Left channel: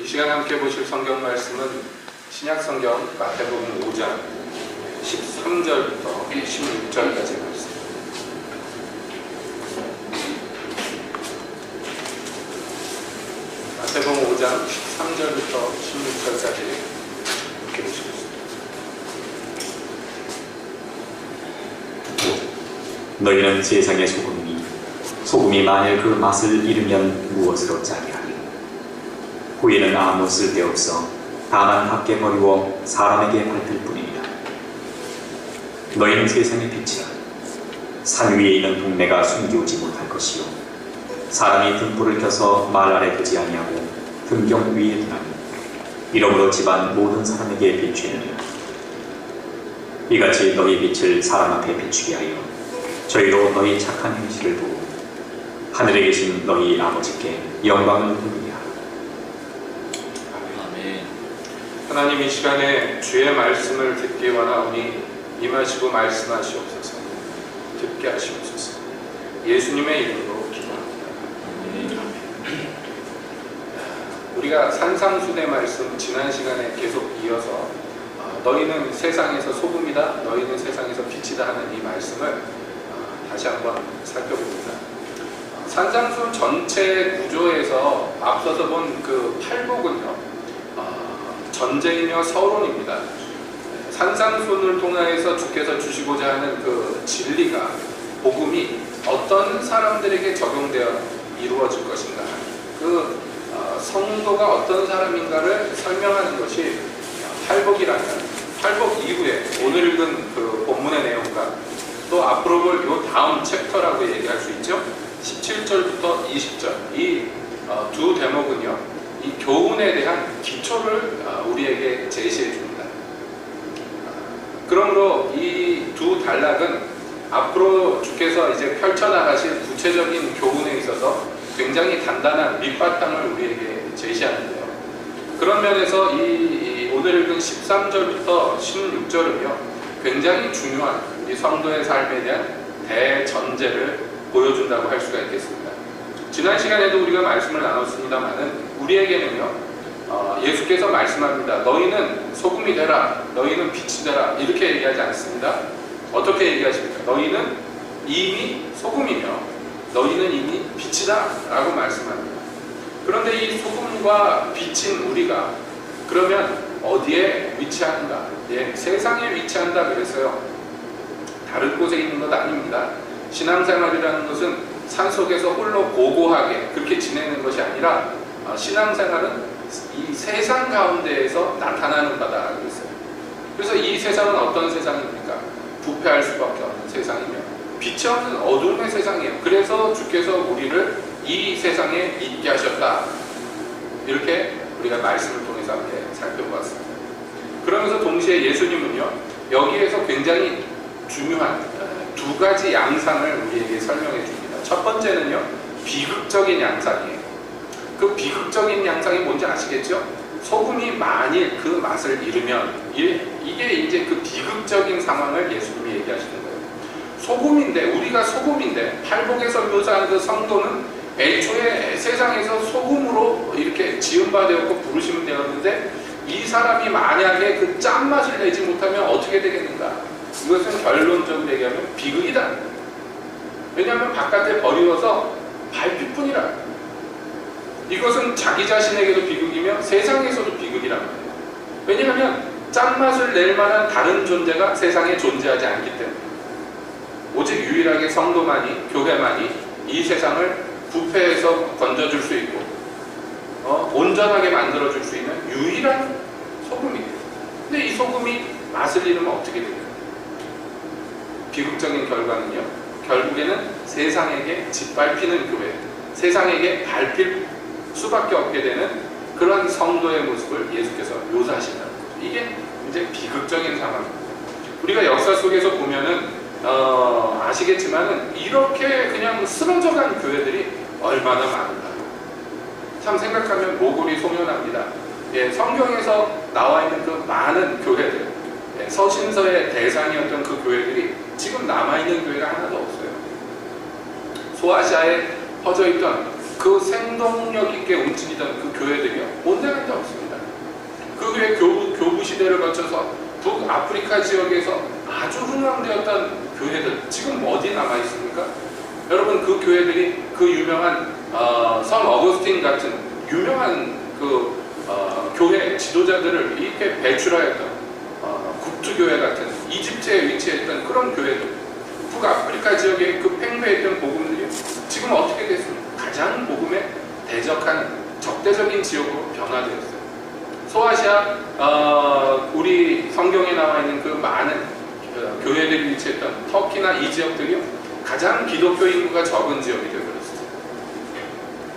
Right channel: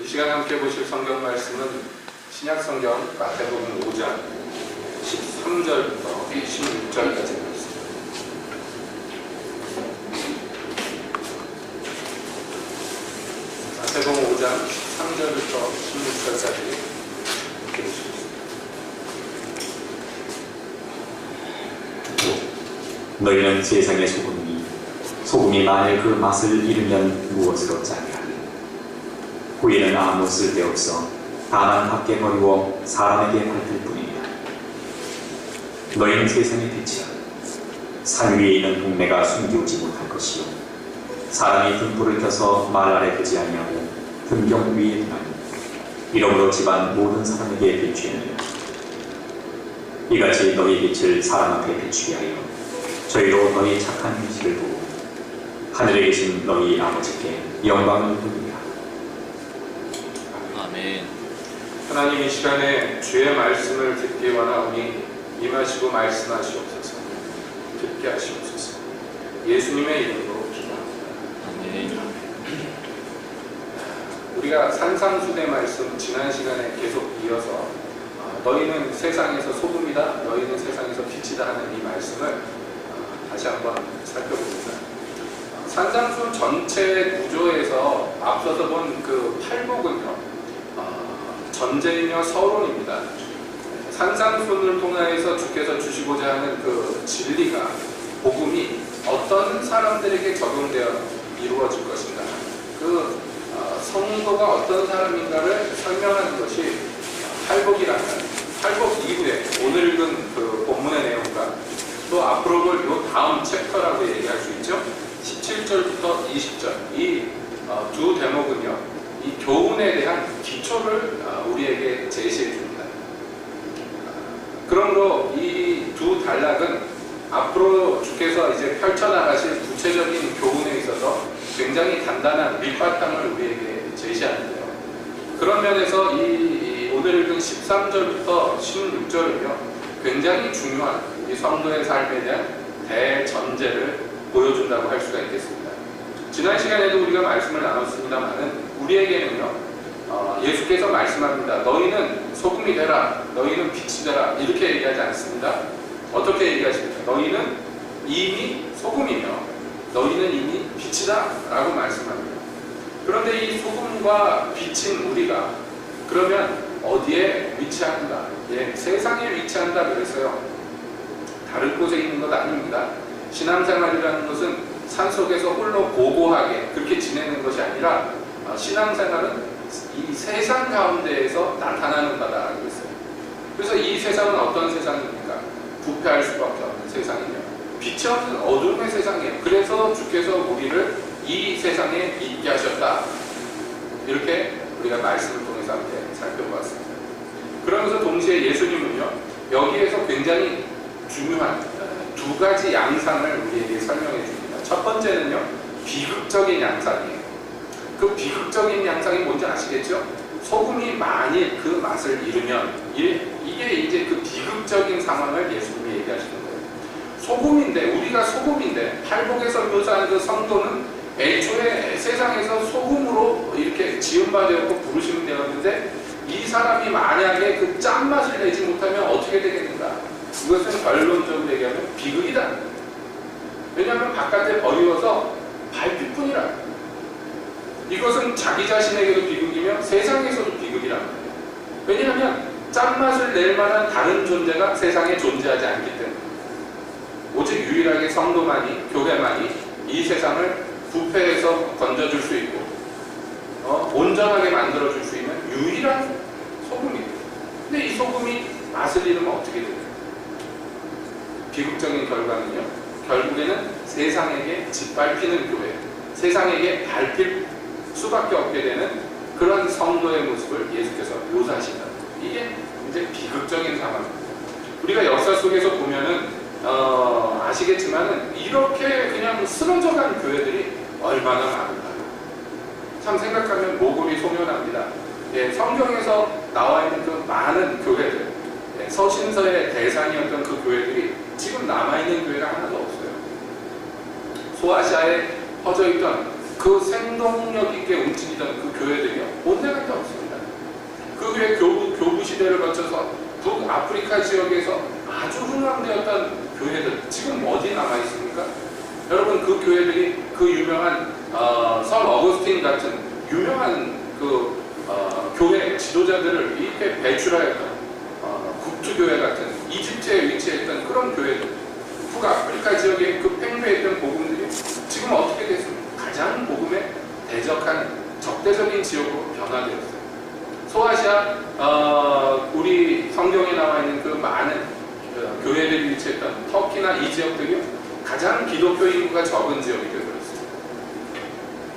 이 시간 함께 보실 성경 말씀은 신약성경 마태복음 5장 13절부터 16절까지 말씀. 마태복음 5장 13절부터 16절까지 함께 보시겠습니다. 너희는 세상의 소금이니 소금이 만일 그 맛을 잃으면 무엇으로 짜게 하니? 후에는 아무 쓸데없어 다만 밖에 버리워 사람에게 밟힐 뿐이니라. 너희는 세상의 빛이라. 산 위에 있는 동네가 숨기우지 못할 것이요 사람이 등불을 켜서 말 아래 두지 아니하고 등경 위에 두나니 이러므로 집안 모든 사람에게 비추느니라. 이같이 너희 빛을 사람 앞에 비추게 하여 저희로 너희 착한 행실을 보고 하늘에 계신 너희 아버지께 영광을 돌리라. 아멘. 하나님, 이 시간에 주의 말씀을 듣기 원하오니 임하시고 말씀하시옵소서. 듣게 하시옵소서. 예수님의 이름으로 기도합니다. 아멘. 우리가 산상수대 말씀 지난 시간에 계속 이어서 너희는 세상에서 소금이다, 너희는 세상에서 빛이다 하는 이 말씀을 다시 한번 살펴봅니다. 산상수 전체 구조에서 앞서서 본 그 팔복은요, 전제이며 서론입니다. 산상수를 통하여서 주께서 주시고자 하는 그 진리가, 복음이 어떤 사람들에게 적용되어 이루어질 것인가, 그 성도가 어떤 사람인가를 설명하는 것이 팔복이라는, 팔복 이후에 오늘 읽은 그 본문의 내용과 또 앞으로 볼 요 다음 챕터라고 얘기할 수 있죠. 17절부터 20절 이 두 대목은요, 이 교훈에 대한 기초를 우리에게 제시해 줍니다. 그러므로 이 두 단락은 앞으로 주께서 이제 펼쳐나가실 구체적인 교훈에 있어서 굉장히 단단한 밑바탕을 우리에게 제시하는데요. 그런 면에서 이 오늘 읽은 13절부터 16절은요, 굉장히 중요한 이 성도의 삶에 대한 대전제를 보여준다고 할 수가 있겠습니다. 지난 시간에도 우리가 말씀을 나눴습니다만은 우리에게는요, 예수께서 말씀합니다. 너희는 소금이 되라, 너희는 빛이 되라, 이렇게 얘기하지 않습니다. 어떻게 얘기하십니까? 너희는 이미 소금이며 너희는 이미 빛이다 라고 말씀합니다. 그런데 이 소금과 빛인 우리가 그러면 어디에 위치하는가? 예, 세상에 위치한다 그랬어요. 다른 곳에 있는 것 아닙니다. 신앙생활이라는 것은 산속에서 홀로 고고하게 그렇게 지내는 것이 아니라 신앙생활은 이 세상 가운데에서 나타나는 바다 그랬어요. 그래서 이 세상은 어떤 세상입니까? 부패할 수밖에 없는 세상이며 빛이 없는 어둠의 세상이에요. 그래서 주께서 우리를 이 세상에 있게 하셨다. 이렇게 우리가 말씀을 통해서 함께 살펴보았습니다. 그러면서 동시에 예수님은요, 여기에서 굉장히 중요한 두 가지 양상을 우리에게 설명해 줍니다. 첫 번째는요, 비극적인 양상이에요. 그 비극적인 양상이 뭔지 아시겠죠? 소금이 만일 그 맛을 잃으면, 이게 이제 그 비극적인 상황을 예수님이 얘기하시는 거예요. 소금인데, 우리가 소금인데, 팔복에서 묘사한 그 성도는 애초에 세상에서 소금으로 이렇게 지음바되었고 부르시면 되었는데, 이 사람이 만약에 그 짠맛을 내지 못하면 어떻게 되겠는가? 이것은 결론적으로 얘기하면 비극이다. 왜냐하면 바깥에 버리워서 밟힐 뿐이라. 이것은 자기 자신에게도 비극이며 세상에서도 비극이란 말이에요. 왜냐하면 짠맛을 낼 만한 다른 존재가 세상에 존재하지 않기 때문에 오직 유일하게 성도만이, 교회만이 이 세상을 부패해서 건져줄 수 있고 온전하게 만들어줄 수 있는 유일한 소금이에요. 근데 이 소금이 맛을 잃으면 어떻게 돼요? 비극적인 결과는요, 결국에는 세상에게 짓밟히는 교회, 세상에게 밟힐 수밖에 없게 되는 그런 성도의 모습을 예수께서 묘사하신다는 거죠. 이게 이제 비극적인 상황입니다. 우리가 역사 속에서 보면은 아시겠지만은 이렇게 그냥 쓰러져간 교회들이 얼마나 많은가. 참 생각하면 모골이 소멸합니다. 예, 성경에서 나와 있는 그 많은 교회들, 예, 서신서의 대상이었던 그 교회들이 지금 남아있는 교회가 하나도 없어요. 소아시아에 퍼져있던 그 생동력 있게 움직이던 그 교회들이요, 온데간데 교부 시대를 거쳐서 북아프리카 지역에서 아주 흥황되었던 교회들 지금 어디 남아 있습니까? 여러분 그 교회들이 그 유명한 성 어거스틴 같은 유명한 교회 지도자들을 이렇게 배출하였던 국투교회 같은 이집트에 위치했던 그런 교회들, 북아프리카 지역에 그 팽배했던 복음들이 지금 어떻게 됐습니까? 가장 복음에 대적한 적대적인 지역으로 변화되었어요. 소아시아 우리 성경에 나와 있는 그 많은 교회들이 위치했던 터키나 이 지역들이 가장 기독교 인구가 적은 지역이 되어버렸습니다.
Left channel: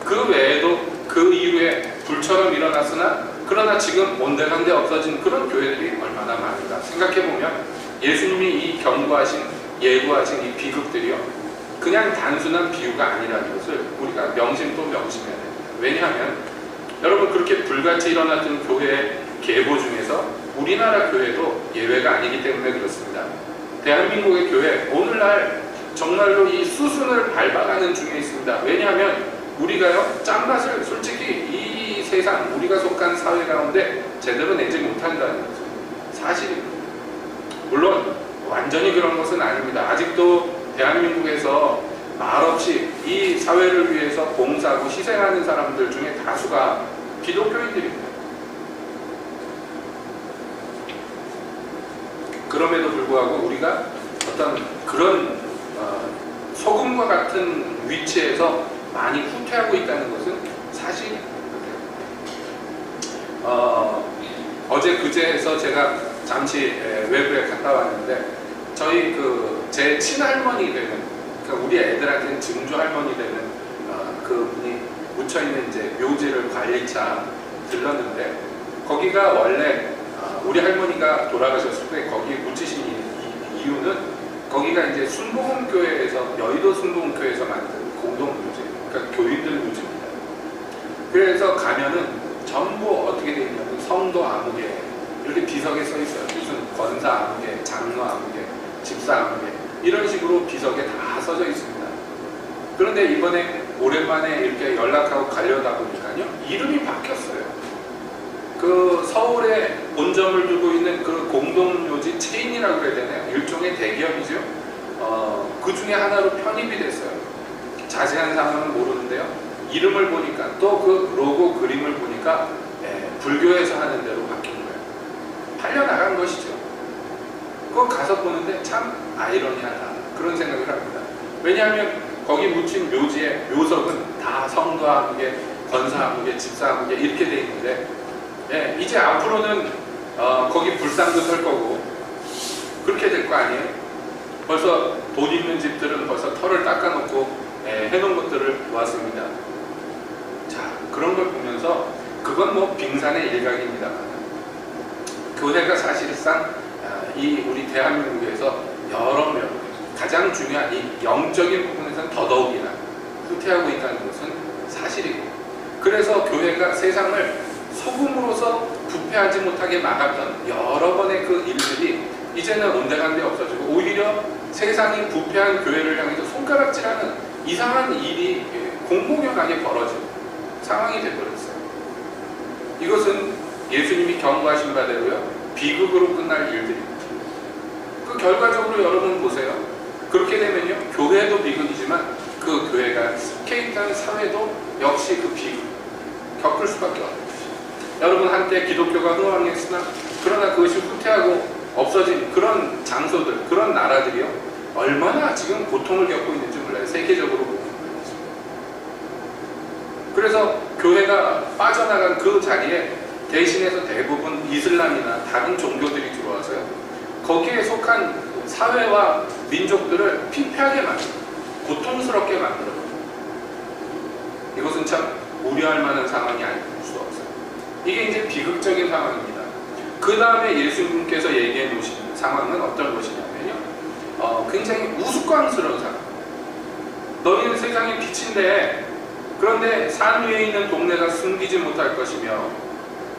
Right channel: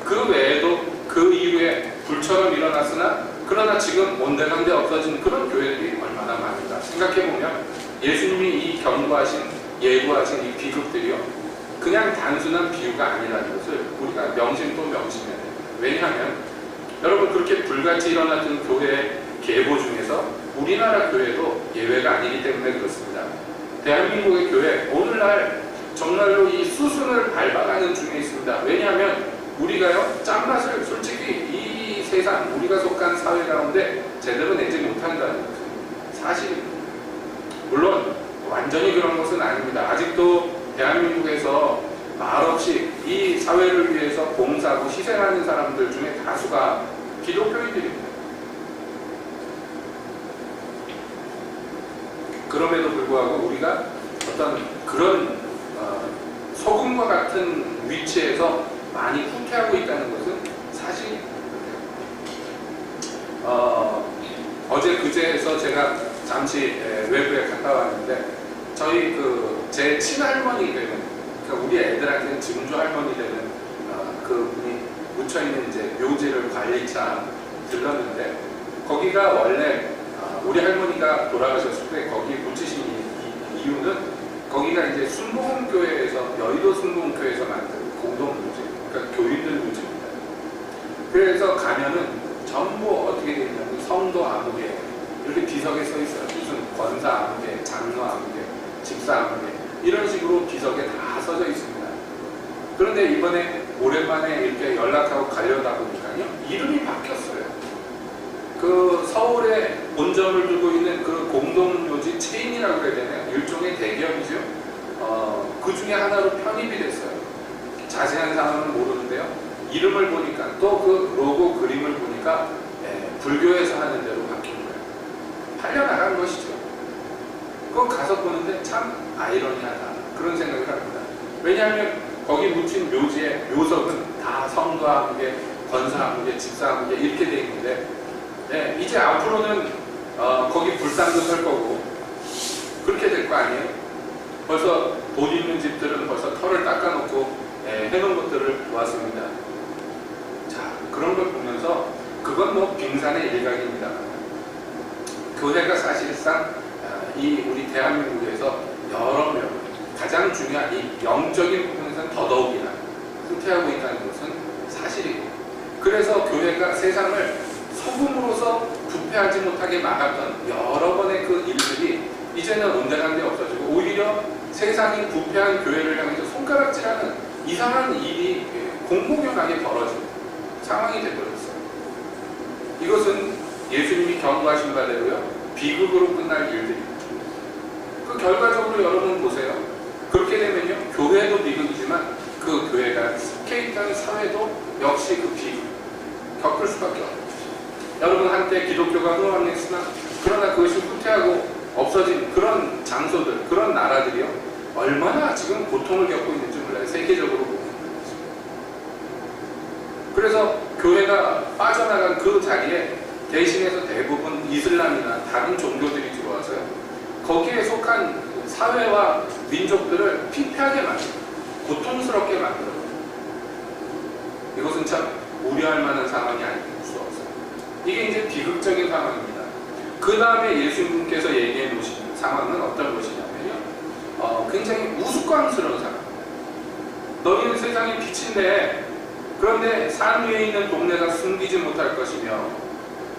그 외에도 그 이후에 불처럼 일어났으나 그러나 지금 온데간데 없어진 그런 교회들이 얼마나 많은가 생각해보면 예수님이 이 경고하신 예고하신 이 비극들이요 그냥 단순한 비유가 아니라는 것을 우리가 명심해야 됩니다. 왜냐하면 여러분 그렇게 불같이 일어났던 교회의 계보 중에서 우리나라 교회도 예외가 아니기 때문에 그렇습니다. 대한민국의 교회 오늘날 정말로 이 수순을 밟아가는 중에 있습니다. 왜냐하면 우리가요 짠맛을 솔직히 이 세상 우리가 속한 사회 가운데 제대로 내지 못한다는 거죠. 사실입니다. 물론 완전히 그런 것은 아닙니다. 아직도 대한민국에서 말없이 이 사회를 위해서 봉사하고 희생하는 사람들 중에 다수가 기독교인들입니다. 그럼에도 불구하고 우리가 어떤 그런 소금과 같은 위치에서 많이 후퇴하고 있다는 것은 사실입니다. 어제 그제에서 제가 잠시 외부에 갔다 왔는데 저희 제 친할머니 되는 그러니까 우리 애들한테는 증조 할머니 되는 그분이 묻혀있는 이제 묘지를 관리차 들렀는데 거기가 원래 우리 할머니가 돌아가셨을 때 거기 묻히신 이유는 거기가 이제 순복음교회에서 여의도 순복음교회에서 만든 공동묘지 그러니까 교인들 묘지입니다. 그래서 가면은 전부 어떻게 되어 있냐면 성도 아무개 이렇게 비석에 써 있어요. 무슨 권사 아무개, 장로 아무개, 집사 아무개 이런 식으로 비석에 다 써져 있습니다. 그런데 이번에 오랜만에 이렇게 연락하고 가려다 보니까요 이름이 바뀌었어요. 그 서울에 본점을 두고 있는 그 공동묘지 체인이라고 해야 되나요? 일종의 대기업이죠. 그 중에 하나로 편입이 됐어요. 자세한 상황은 모르는데요. 이름을 보니까 또 그 로고 그림을 보니까 불교에서 하는 대로 바뀐 거예요. 팔려나간 것이죠. 그거 가서 보는데 참 아이러니하다 그런 생각을 합니다. 왜냐하면 거기 묻힌 묘지의 묘석은 다 성도 아무개, 권사 아무개, 집사 아무개 이렇게 돼 있는데 이제 앞으로는 거기 불상도 설 거고 그렇게 될 거 아니에요? 벌써 돈 있는 집들은 벌써 털을 닦아놓고 해놓은 것들을 보았습니다. 자, 그런 걸 보면서 그건 뭐 빙산의 일각입니다만 교회가 사실상 이 우리 대한민국에서 여러 명 가장 중요한 이 영적인 부분에서는 더더욱이나 후퇴하고 있다는 것은 사실이고 그래서 교회가 세상을 소금으로서 부패하지 못하게 막았던 여러 번의 그 일들이 이제는 온데간데 없어지고 오히려 세상이 부패한 교회를 향해서 손가락질하는 이상한 일이 공공연하게 벌어지는 상황이 되어버렸어요. 이것은 예수님이 경고하신 바대로요 비극으로 끝날 일들입니다. 그 결과적으로 여러분 보세요. 그렇게 되면요 교회도 비극이지만 그 교회가 속해 있던 사회도 역시 그 비극 겪을 수밖에 없는 것이죠. 여러분 한때 기독교가 흥왕했으나 그러나 그것이 후퇴하고 없어진 그런 장소들 그런 나라들이요 얼마나 지금 고통을 겪고 있는지 몰라요. 세계적으로 보면 그래서 교회가 빠져나간 그 자리에 대신해서 대부분 이슬람이나 다른 종교들이 들어와서요 거기에 속한 사회와 민족들을 피폐하게 만들고 고통스럽게 만들어요. 이것은 참 우려할 만한 상황이 아닐 수 없어요. 이게 이제 비극적인 상황입니다. 그 다음에 예수님께서 얘기해 놓으신 상황은 어떤 것이냐면요 굉장히 우스꽝스러운 상황. 너희는 세상의 빛인데 그런데 산 위에 있는 동네가 숨기지 못할 것이며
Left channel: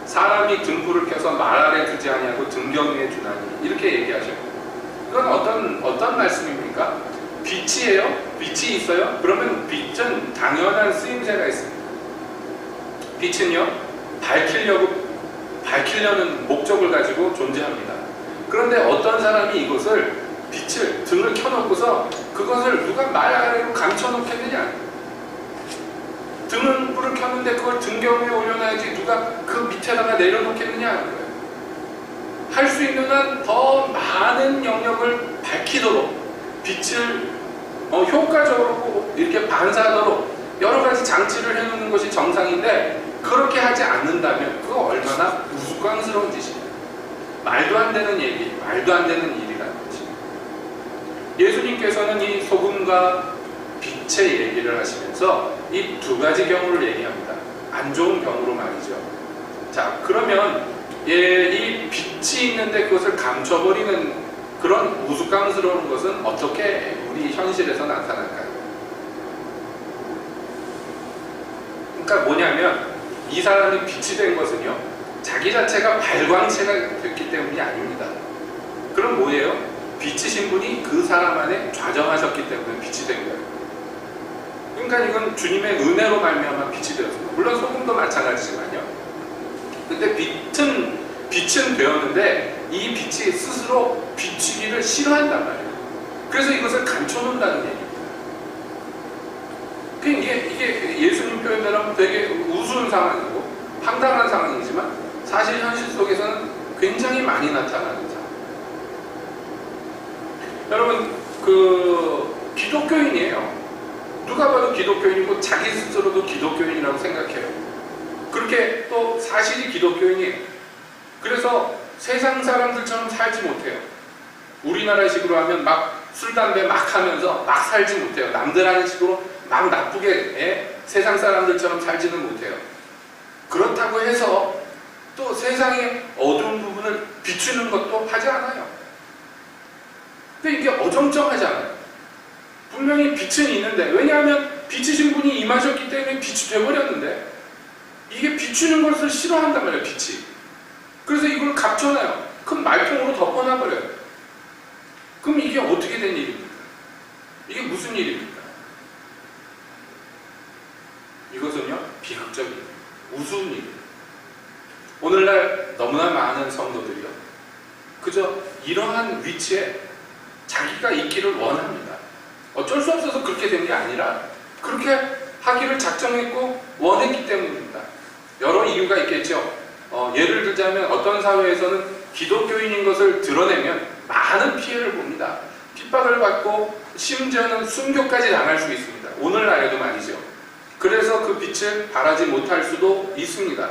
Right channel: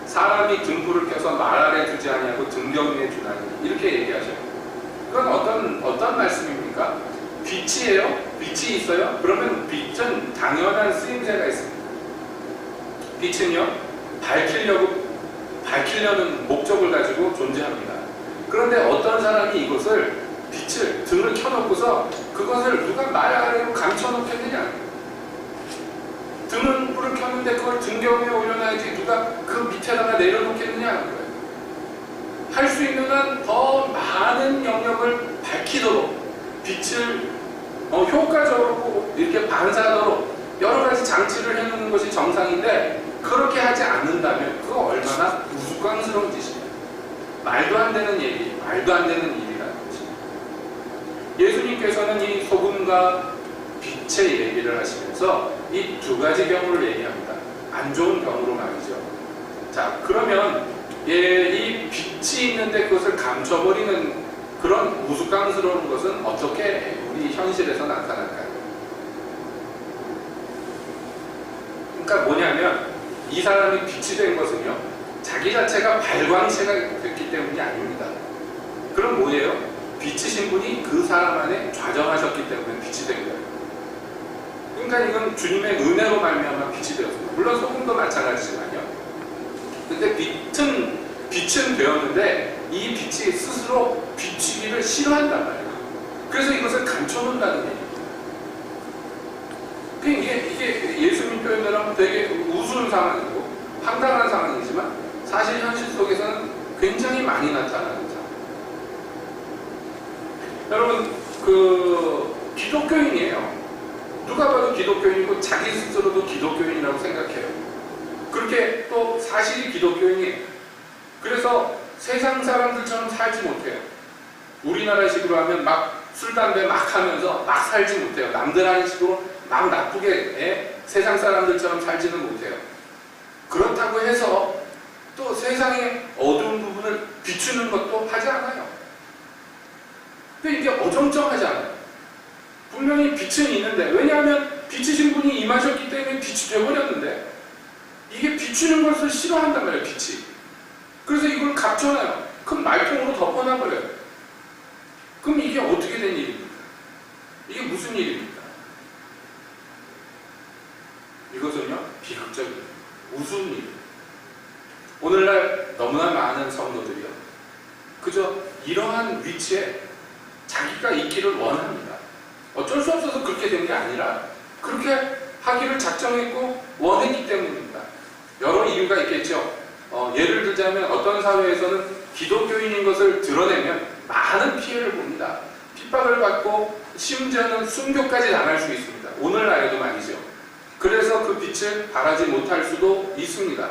사람이 등불을 켜서 말 아래 두지 아니하고 등경 위에 두나니 이렇게 얘기하셔요. 그건 어떤 말씀입니까? 빛이에요? 빛이 있어요? 그러면 빛은 당연한 쓰임새가 있습니다. 빛은요 밝히려고 밝히려는 목적을 가지고 존재합니다. 그런데 어떤 사람이 이것을 빛을 등을 켜놓고서 그것을 누가 말 아래로 감춰놓겠느냐? 등은 불을 켰는데 그걸 등경 위에 올려놔야지 누가 그 밑에다가 내려놓겠느냐? 할 수 있는 한 더 많은 영역을 밝히도록 빛을 효과적으로 이렇게 반사하도록 여러 가지 장치를 해놓는 것이 정상인데 그렇게 하지 않는다면 그거 얼마나 우스꽝스러운 짓이냐. 말도 안 되는 얘기, 말도 안 되는 일이라는 거지. 예수님께서는 이 소금과 빛의 얘기를 하시면서 이 두 가지 경우를 얘기합니다. 안 좋은 경우로 말이죠. 자, 그러면 이 빛이 있는데 그것을 감춰버리는 그런 우스꽝스러운 것은 어떻게 우리 현실에서 나타날까요? 그러니까 뭐냐면 이 사람이 빛이 된 것은요, 자기 자체가 발광체가 됐기 때문이 아닙니다. 그럼 뭐예요? 빛이신 분이 그 사람 안에 좌정하셨기 때문에 빛이 된 거예요. 그러니까 이건 주님의 은혜로 말미암아 빛이 되었습니다. 물론 소금도 마찬가지지만요. 근데 빛은 되었는데 이 빛이 스스로 비추기를 싫어한단 말이에요. 그래서 이것을 감춰놓는다는 얘기입니다. 이게 예수님 표현대로 하면 되게 우스운 상황이고 황당한 상황이지만 사실 현실 속에서는 굉장히 많이 나타나는 상황. 여러분, 기독교인이에요. 누가 봐도 기독교인이고 자기 스스로도 기독교인이라고 생각해요. 그렇게 또 사실이 기독교인이에요. 그래서 세상 사람들처럼 살지 못해요. 우리나라식으로 하면 막 술, 담배 막 하면서 막 살지 못해요. 남들 하는 식으로 막 나쁘게 세상 사람들처럼 살지는 못해요. 그렇다고 해서 또 세상의 어두운 부분을 비추는 것도 하지 않아요. 근데 이게 어정쩡하지 않아요. 분명히 빛은 있는데, 왜냐하면 비치신 분이 임하셨기 때문에 빛이 되어버렸는데 이게 비추는 것을 싫어한단 말이에요. 빛이. 그래서 이걸 감춰놔요. 그럼 말통으로 덮어놔버려요. 그럼 이게 어떻게 된 일입니까? 이게 무슨 일입니까? 이것은요, 비극적인, 우스운 일이에요. 오늘날 너무나 많은 성도들이요, 그저 이러한 위치에 자기가 있기를 원합니다. 어쩔 수 없어서 그렇게 된 게 아니라 그렇게 하기를 작정했고 원했기 때문입니다. 여러 이유가 있겠죠. 예를 들자면 어떤 사회에서는 기독교인인 것을 드러내면 많은 피해를 봅니다. 핍박을 받고 심지어는 순교까지 당할 수 있습니다. 오늘날에도 말이죠. 그래서 그 빛을 발하지 못할 수도 있습니다.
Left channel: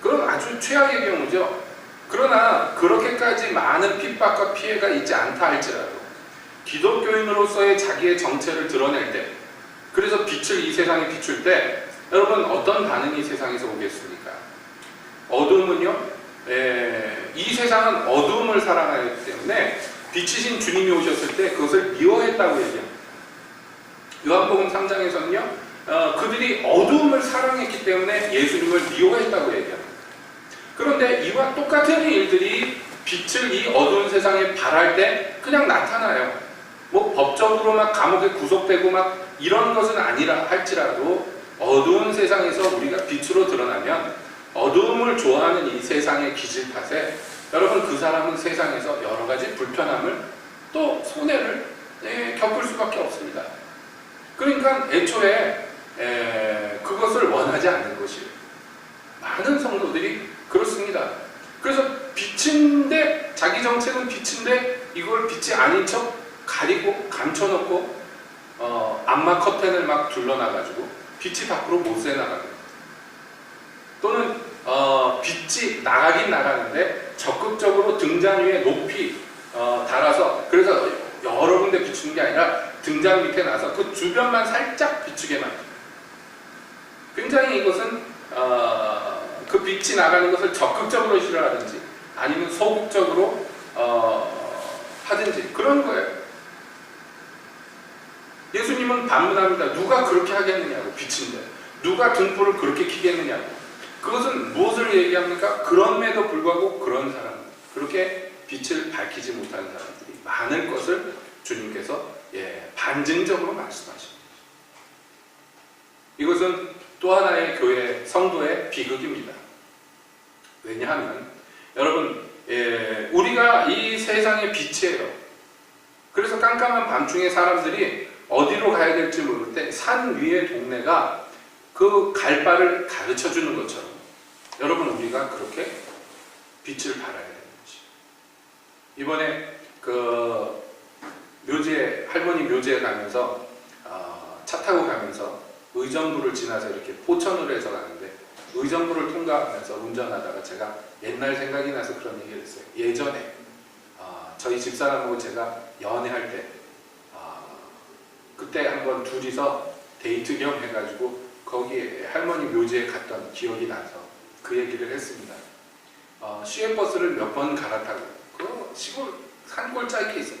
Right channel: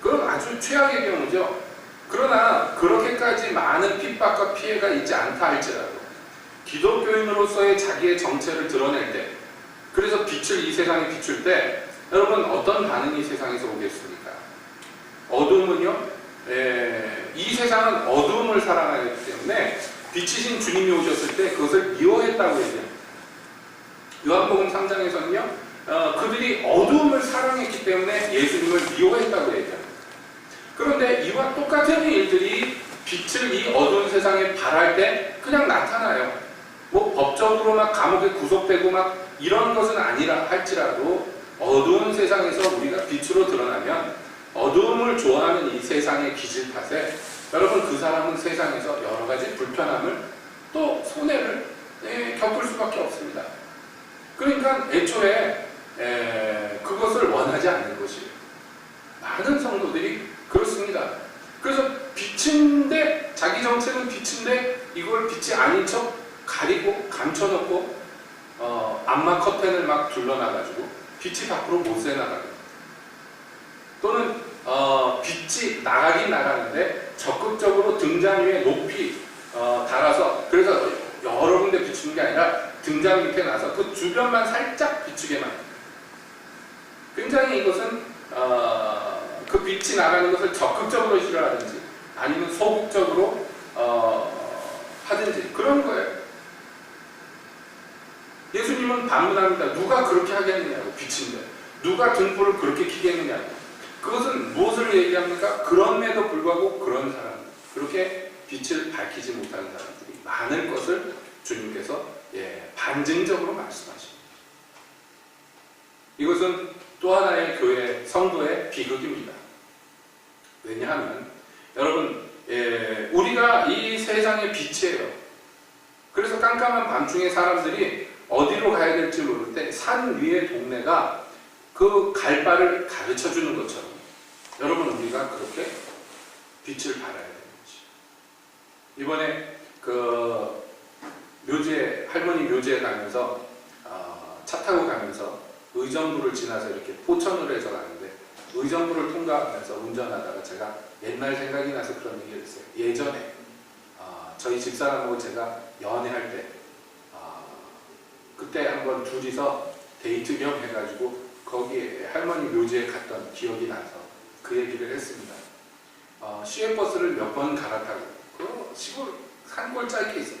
그건 아주 최악의 경우죠. 그러나 그렇게까지 많은 핍박과 피해가 있지 않다 할지라도 기독교인으로서의 자기의 정체를 드러낼 때, 그래서 빛을 이 세상에 비출 때 여러분 어떤 반응이 세상에서 오겠습니까? 어두움은요, 이 세상은 어두움을 사랑하기 때문에 빛이신 주님이 오셨을 때 그것을 미워했다고 얘기합니다. 요한복음 3장에서는요, 그들이 어두움을 사랑했기 때문에 예수님을 미워했다고 얘기합니다. 그런데 이와 똑같은 일들이 빛을 이 어두운 세상에 발할 때 그냥 나타나요. 뭐 법적으로 막 감옥에 구속되고 막 이런 것은 아니라 할지라도 어두운 세상에서 우리가 빛으로 드러나면 어두움을 좋아하는 이 세상의 기질 탓에 여러분 그 사람은 세상에서 여러 가지 불편함을 또 손해를 겪을 수밖에 없습니다. 그러니까 애초에 그것을 원하지 않는 것이에요. 많은 성도들이 그렇습니다. 그래서 빛인데, 자기 정체는 빛인데 이걸 빛이 아닌 척 가리고 감춰놓고 암막 커튼을 막 둘러놔가지고 빛이 밖으로 못 새나가요. 또는 빛이 나가긴 나가는데 적극적으로 등잔 위에 높이 달아서, 그래서 여러 군데 비추는 게 아니라 등잔 밑에 놔서 그 주변만 살짝 비추게 만듭니다. 굉장히 이것은 그 빛이 나가는 것을 적극적으로 싫어하든지 아니면 소극적으로 하든지 그런 거예요. 예수님은 반문합니다. 누가 그렇게 하겠느냐고, 빛인데 누가 등불을 그렇게 켜겠느냐고. 그것은 무엇을 얘기합니까? 그럼에도 불구하고 그런 사람, 그렇게 빛을 밝히지 못하는 사람들이 많을 것을 주님께서 반증적으로 말씀하십니다. 이것은 또 하나의 교회 성도의 비극입니다. 왜냐하면 여러분, 우리가 이 세상의 빛이에요. 그래서 깜깜한 밤중에 사람들이 어디로 가야 될지 모를 때 산 위의 동네가 그 갈 바를 가르쳐 주는 것처럼 여러분, 우리가 그렇게 빛을 발하야 되는 거지. 이번에 그 묘지에, 할머니 묘지에 가면서 차 타고 가면서 의정부를 지나서 이렇게 포천으로 해서 가는데, 의정부를 통과하면서 운전하다가 제가 옛날 생각이 나서 그런 얘기를 했어요. 예전에 저희 집사람하고 제가 연애할 때 그때 한번 둘이서 데이트 겸 해가지고 거기 할머니 묘지에 갔던 기억이 나서 그 얘기를 했습니다. 시외버스를 몇 번 갈아타고 그 시골 산골짜기에 있어요.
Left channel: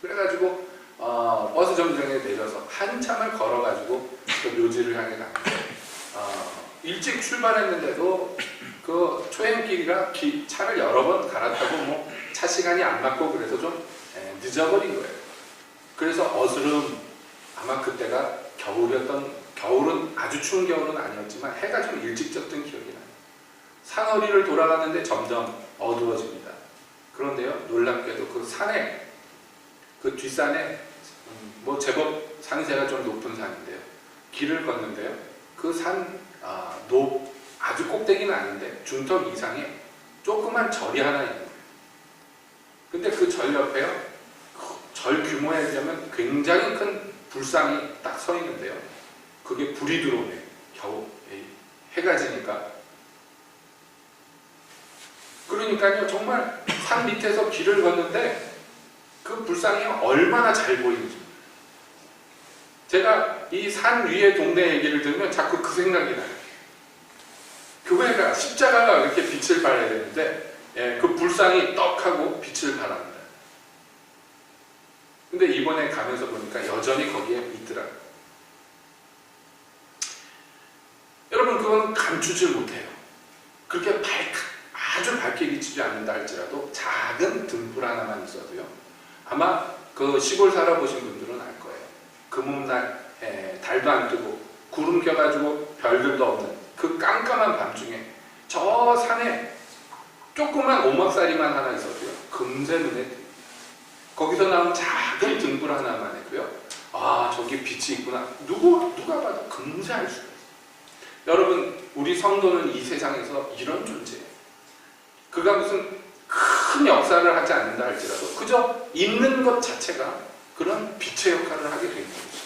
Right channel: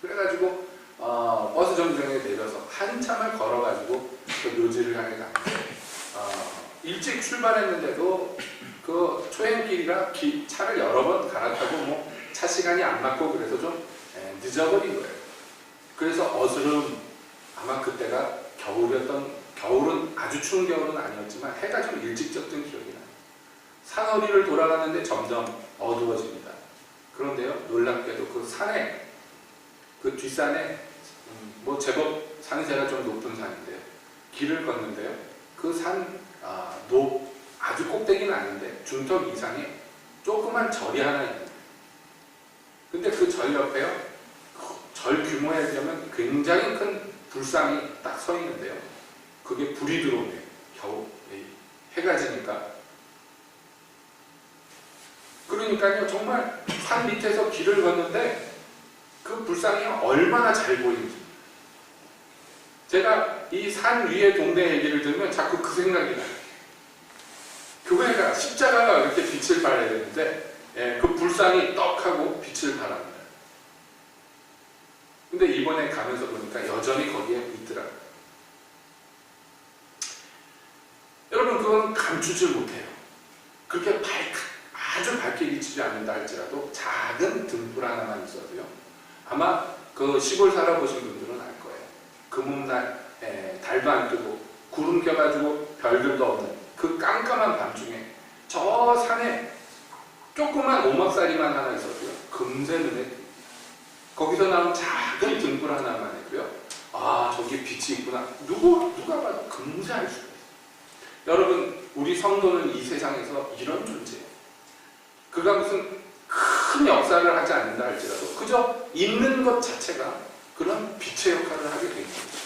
그래가지고 버스 정류장에 내려서 한참을 걸어가지고 그 묘지를 향해 갔는데 일찍 출발했는데도 그 초행길이라 차를 여러 번 갈아타고 뭐 차 시간이 안 맞고 그래서 좀 늦어버린 거예요. 그래서 어스름, 아마 그때가 겨울은 아주 추운 겨울은 아니었지만 해가 좀 일찍 졌던 기억이 나요. 산허리를 돌아가는데 점점 어두워집니다. 그런데요, 놀랍게도 그 산에, 그 뒷산에 뭐 제법 산세가 좀 높은 산인데요, 길을 걷는데요, 그 산 아주 꼭대기는 아닌데 중턱 이상에 조그만 절이 하나 있는 거예요. 근데 그 절 옆에요, 절 규모에 비하면 굉장히 큰 불상이 딱 서 있는데요, 그게 불이 들어오네요. 겨우 해가 지니까. 그러니까요, 정말 산 밑에서 길을 걷는데 그 불상이 얼마나 잘 보이는지. 제가 이 산 위의 동네 얘기를 들으면 자꾸 그 생각이 나요. 교회가, 십자가가 이렇게 빛을 발해야 되는데 그 불상이 떡하고 빛을 발합니다. 근데 이번에 가면서 보니까 여전히 거기에 있더라고요. 여러분, 그건 감추질 못해요. 그렇게 아주 밝게 비치지 않는다 할지라도 작은 등불 하나만 있어도요, 아마 그 시골 살아보신 분들은 알 거예요. 금음날 달도 안 뜨고 구름 껴가지고 별들도 없는 그 깜깜한 밤중에 저 산에 조그만 오막살이만 하나 있어도요, 금세 눈에 띄어요. 거기서 나온 작은 등불 하나만 해도요, 저기 빛이 있구나, 누가 봐도 금세 알 수가 있어요. 여러분, 우리 성도는 이 세상에서 이런 존재예요. 그가 무슨 큰 역사를 하지 않는다 할지라도 그저 있는 것 자체가 그런 빛의 역할을 하게 되는 거죠.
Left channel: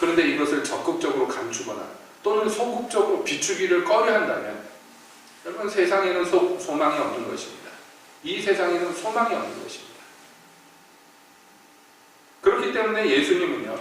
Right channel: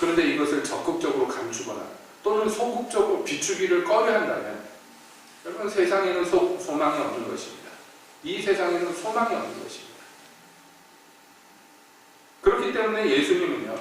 그런데 이것을 적극적으로 감추거나 또는 소극적으로 비추기를 꺼려한다면 여러분, 세상에는 소망이 없는 것입니다. 이 세상에는 소망이 없는 것입니다. 그렇기 때문에 예수님은요,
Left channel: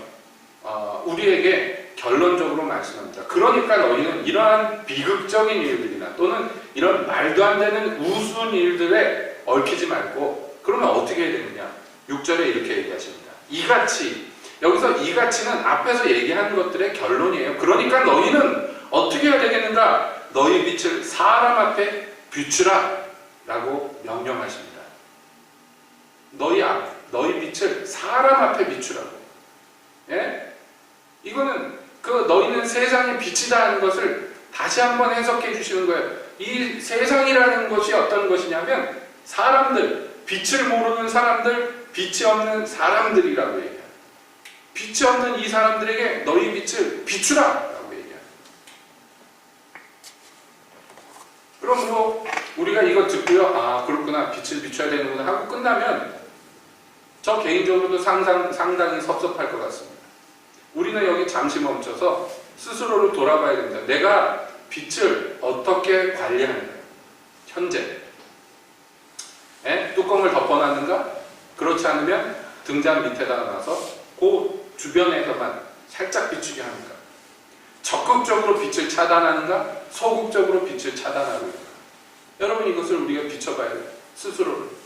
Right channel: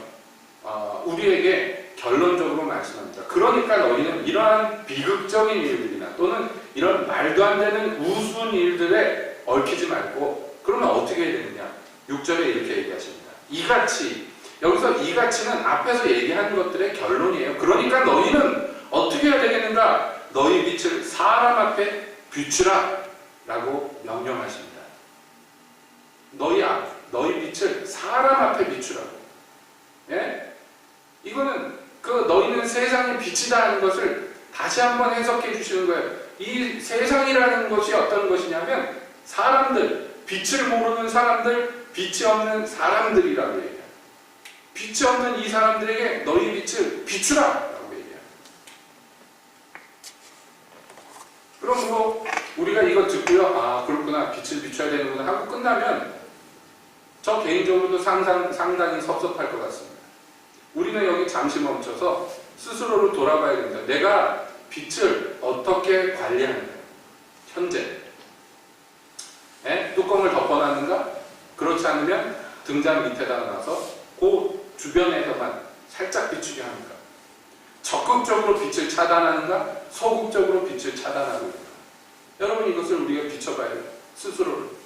우리에게 결론적으로 말씀합니다. 그러니까 너희는 이러한 비극적인 일들이나 또는 이런 말도 안 되는 우스운 일들에 얽히지 말고, 그러면 어떻게 해야 되느냐? 6절에 이렇게 얘기하십니다. 이같이, 여기서 이같이는 앞에서 얘기한 것들의 결론이에요. 그러니까 너희는 어떻게 해야 되겠는가? 너희 빛을 사람 앞에 비추라 라고 명령하십니다. 너희 빛을 사람 앞에 비추라고. 예? 이거는 너희는 세상의 빛이다 하는 것을 다시 한번 해석해 주시는 거예요. 이 세상이라는 것이 어떤 것이냐면 사람들, 빛을 모르는 사람들, 빛이 없는 사람들이라고 얘기해요. 빛이 없는 이 사람들에게 너희 빛을 비추라 라고 얘기해요. 그럼 뭐 우리가 이거 듣고요, 그렇구나, 빛을 비춰야 되는구나 하고 끝나면 저 개인적으로도 상당히 섭섭할 것 같습니다. 우리는 여기 잠시 멈춰서 스스로를 돌아봐야 됩니다. 내가 빛을 어떻게 관리하는가? 현재 뚜껑을 덮어놨는가? 그렇지 않으면 등잔 밑에다가 놔서 그 주변에서만 살짝 비추게 하는가? 적극적으로 빛을 차단하는가? 소극적으로 빛을 차단하고 있는가? 여러분, 이것을 우리가 비춰봐야 돼요. 스스로를.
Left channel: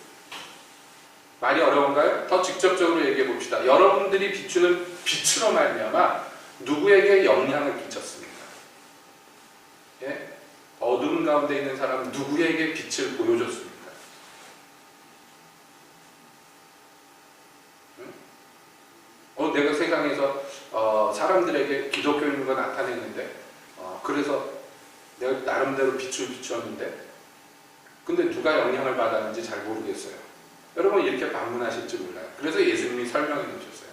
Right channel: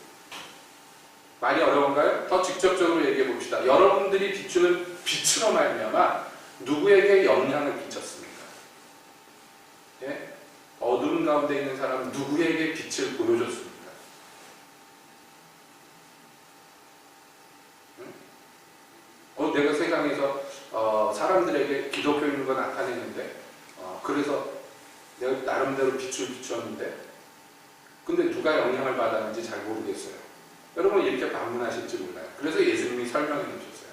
말이 어려운가요? 더 직접적으로 얘기해 봅시다. 여러분들이 비추는 빛으로 말미암아 누구에게 영향을 끼쳤습니까? 예? 어두운 가운데 있는 사람은 누구에게 빛을 보여줬습니까? 응? 내가 세상에서 사람들에게 기독교인 거 나타냈는데 그래서 내가 나름대로 빛을 비추었는데 근데 누가 영향을 받았는지 잘 모르겠어요. 여러분 이렇게 반문하실지 몰라요. 그래서 예수님이 설명해 놓으셨어요.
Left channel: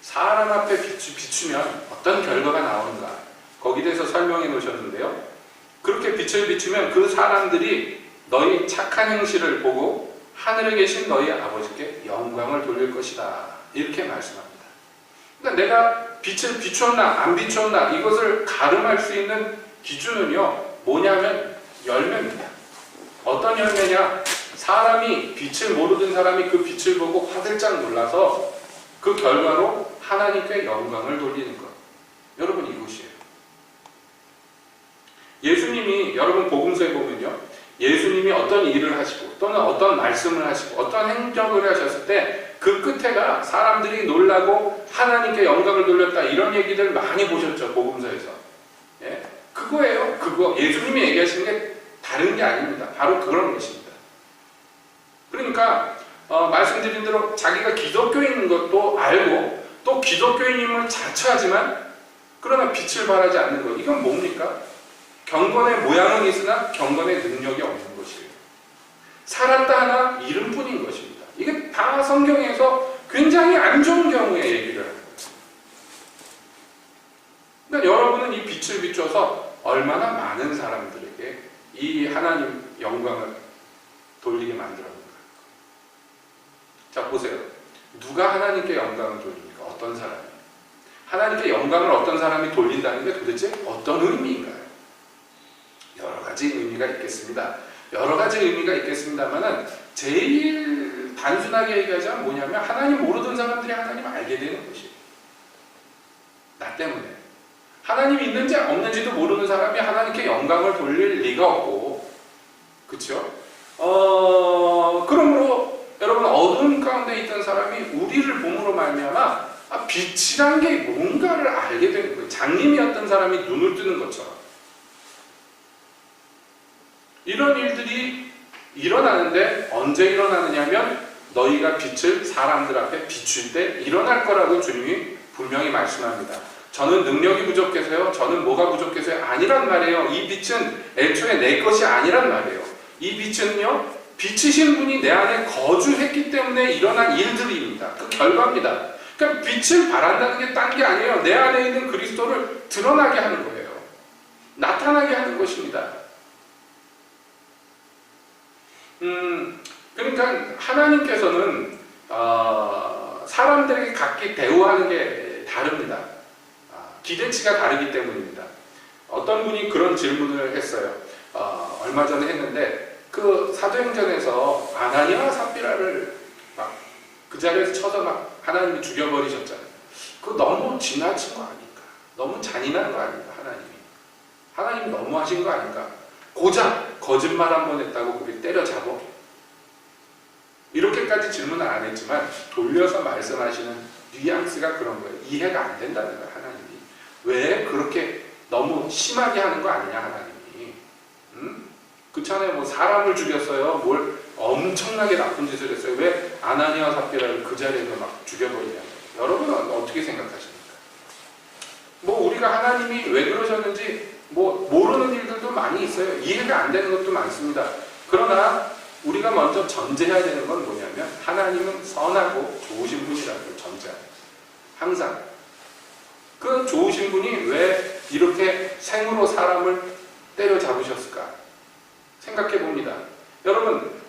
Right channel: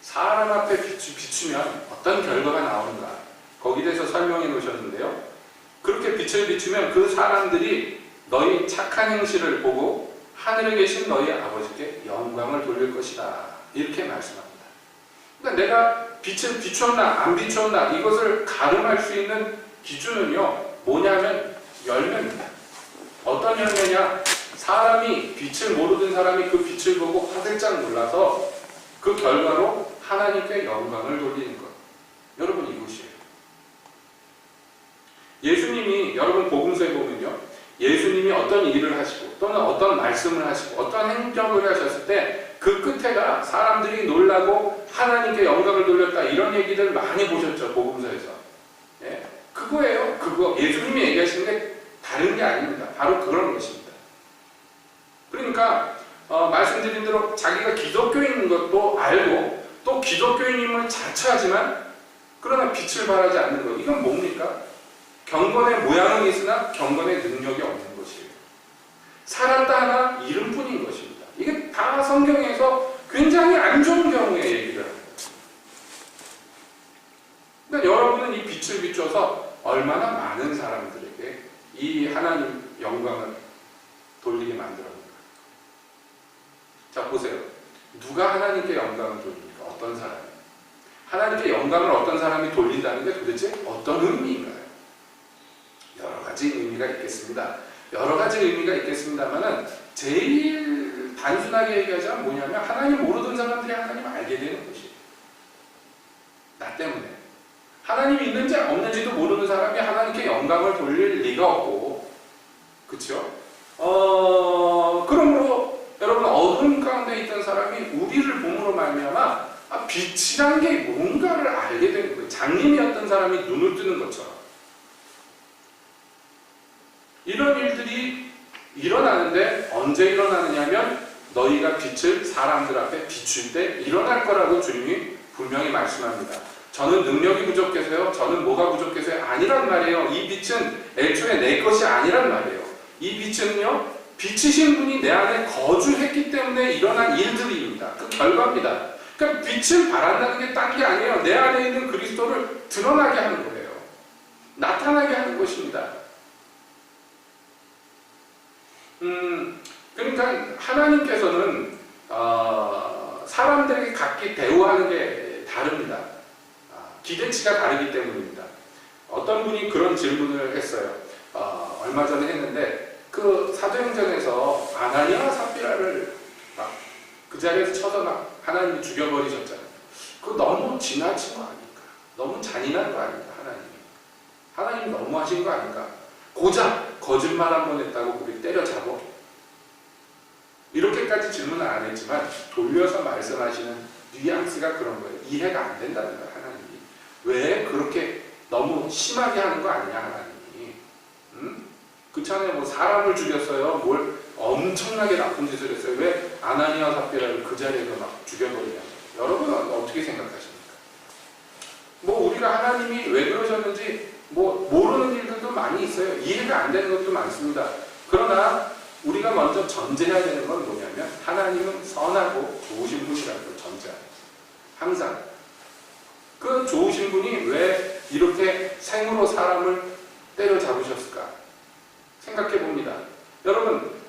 사람 앞에 비추면 어떤 결과가 나오는가 거기에 대해서 설명해 놓으셨는데요. 그렇게 빛을 비추면 그 사람들이 너희 착한 행실을 보고 하늘에 계신 너희 아버지께 영광을 돌릴 것이다. 이렇게 말씀합니다. 그러니까 내가 빛을 비추었나 안 비추었나 이것을 가름할 수 있는 기준은요. 뭐냐면 열매입니다. 어떤 열매냐? 사람이 빛을 모르던 사람이 그 빛을 보고 화들짝 놀라서 그 결과로 하나님께 영광을 돌리는 것. 여러분 이것이에요. 예수님이 여러분 복음서에 보면요. 예수님이 어떤 일을 하시고 또는 어떤 말씀을 하시고 어떤 행적을 하셨을 때 그 끝에가 사람들이 놀라고 하나님께 영광을 돌렸다 이런 얘기들 많이 보셨죠. 복음서에서. 예? 그거예요. 그거 예수님이 얘기하시는 게 다른 게 아닙니다. 바로 그런 것입니다. 그러니까 말씀드린 대로 자기가 기독교인인 것도 알고 또 기독교인임을 자처하지만 그러나 빛을 발하지 않는 것. 이건 뭡니까? 경건의 모양은 있으나 경건의 능력이 없는 것이에요. 살았다 하나 이름뿐인 것입니다. 이게 다 성경에서 굉장히 안 좋은 경우에 얘기를 합니다. 그러니까 여러분은 이 빛을 비춰서 얼마나 많은 사람들에게 이 하나님 영광을 돌리게 만들었는가. 자 보세요. 누가 하나님께 영광을 돌립니까? 어떤 사람이? 하나님께 영광을 어떤 사람이 돌린다는 게 도대체 어떤 의미인가요? 여러 가지 의미가 있겠습니다. 여러 가지 의미가 있겠습니다만은 제일 단순하게 얘기하자면 뭐냐면 하나님 모르던 사람들이 하나님 알게 되는 것이에요. 나 때문에. 하나님이 있는지 없는지도 모르는 사람이 하나님께 영광을 돌릴 리가 없고, 그쵸? 그러므로 여러분 어두운 가운데 있던 사람이 우리를 봄으로 말미암아 빛이란 게 뭔가를 알게 되는 거예요. 장님이었던 사람이 눈을 뜨는 것처럼. 이런 일들이 일어나는데 언제 일어나느냐면 너희가 빛을 사람들 앞에 비출 때 일어날 거라고 주님이 분명히 말씀합니다. 저는 능력이 부족해서요. 저는 뭐가 부족해서요. 아니란 말이에요. 이 빛은 애초에 내 것이 아니란 말이에요. 이 빛은요. 비치신 분이 내 안에 거주했기 때문에 일어난 일들입니다. 그 결과입니다. 그러니까 빛을 발한다는 게 딴 게 아니에요. 내 안에 있는 그리스도를 드러나게 하는 거예요. 나타나게 하는 것입니다. 그러니까 하나님께서는 사람들에게 각기 대우하는 게 다릅니다. 기대치가 다르기 때문입니다. 어떤 분이 그런 질문을 했어요. 얼마 전에 했는데 그 사도행전에서 아나니아와 삽비라를 막 그 자리에서 쳐서 막 하나님이 죽여버리셨잖아요. 그거 너무 지나친 거 아닐까? 너무 잔인한 거 아닐까? 하나님이 너무하신 거 아닐까? 고작 거짓말 한 번 했다고 그를 때려잡아. 이렇게까지 질문을 안 했지만 돌려서 말씀하시는 뉘앙스가 그런 거예요. 이해가 안 된다는 거예요. 하나님이. 왜 그렇게 너무 심하게 하는 거 아니냐 하나님이. 그렇잖아요. 뭐 사람을 죽였어요. 뭘 엄청나게 나쁜 짓을 했어요. 왜 아나니아와 삽비라를 그 자리에서 막 죽여버리냐. 여러분은 어떻게 생각하십니까? 뭐 우리가 하나님이 왜 그러셨는지 뭐 모르는 일들도 많이 있어요. 이해가 안 되는 것도 많습니다. 그러나 우리가 먼저 전제해야 되는 건 뭐냐면 하나님은 선하고 좋으신 분이라는 걸 전제합니다. 항상. 그 좋으신 분이 왜 이렇게 생으로 사람을 때려잡으셨을까? 생각해 봅니다. 여러분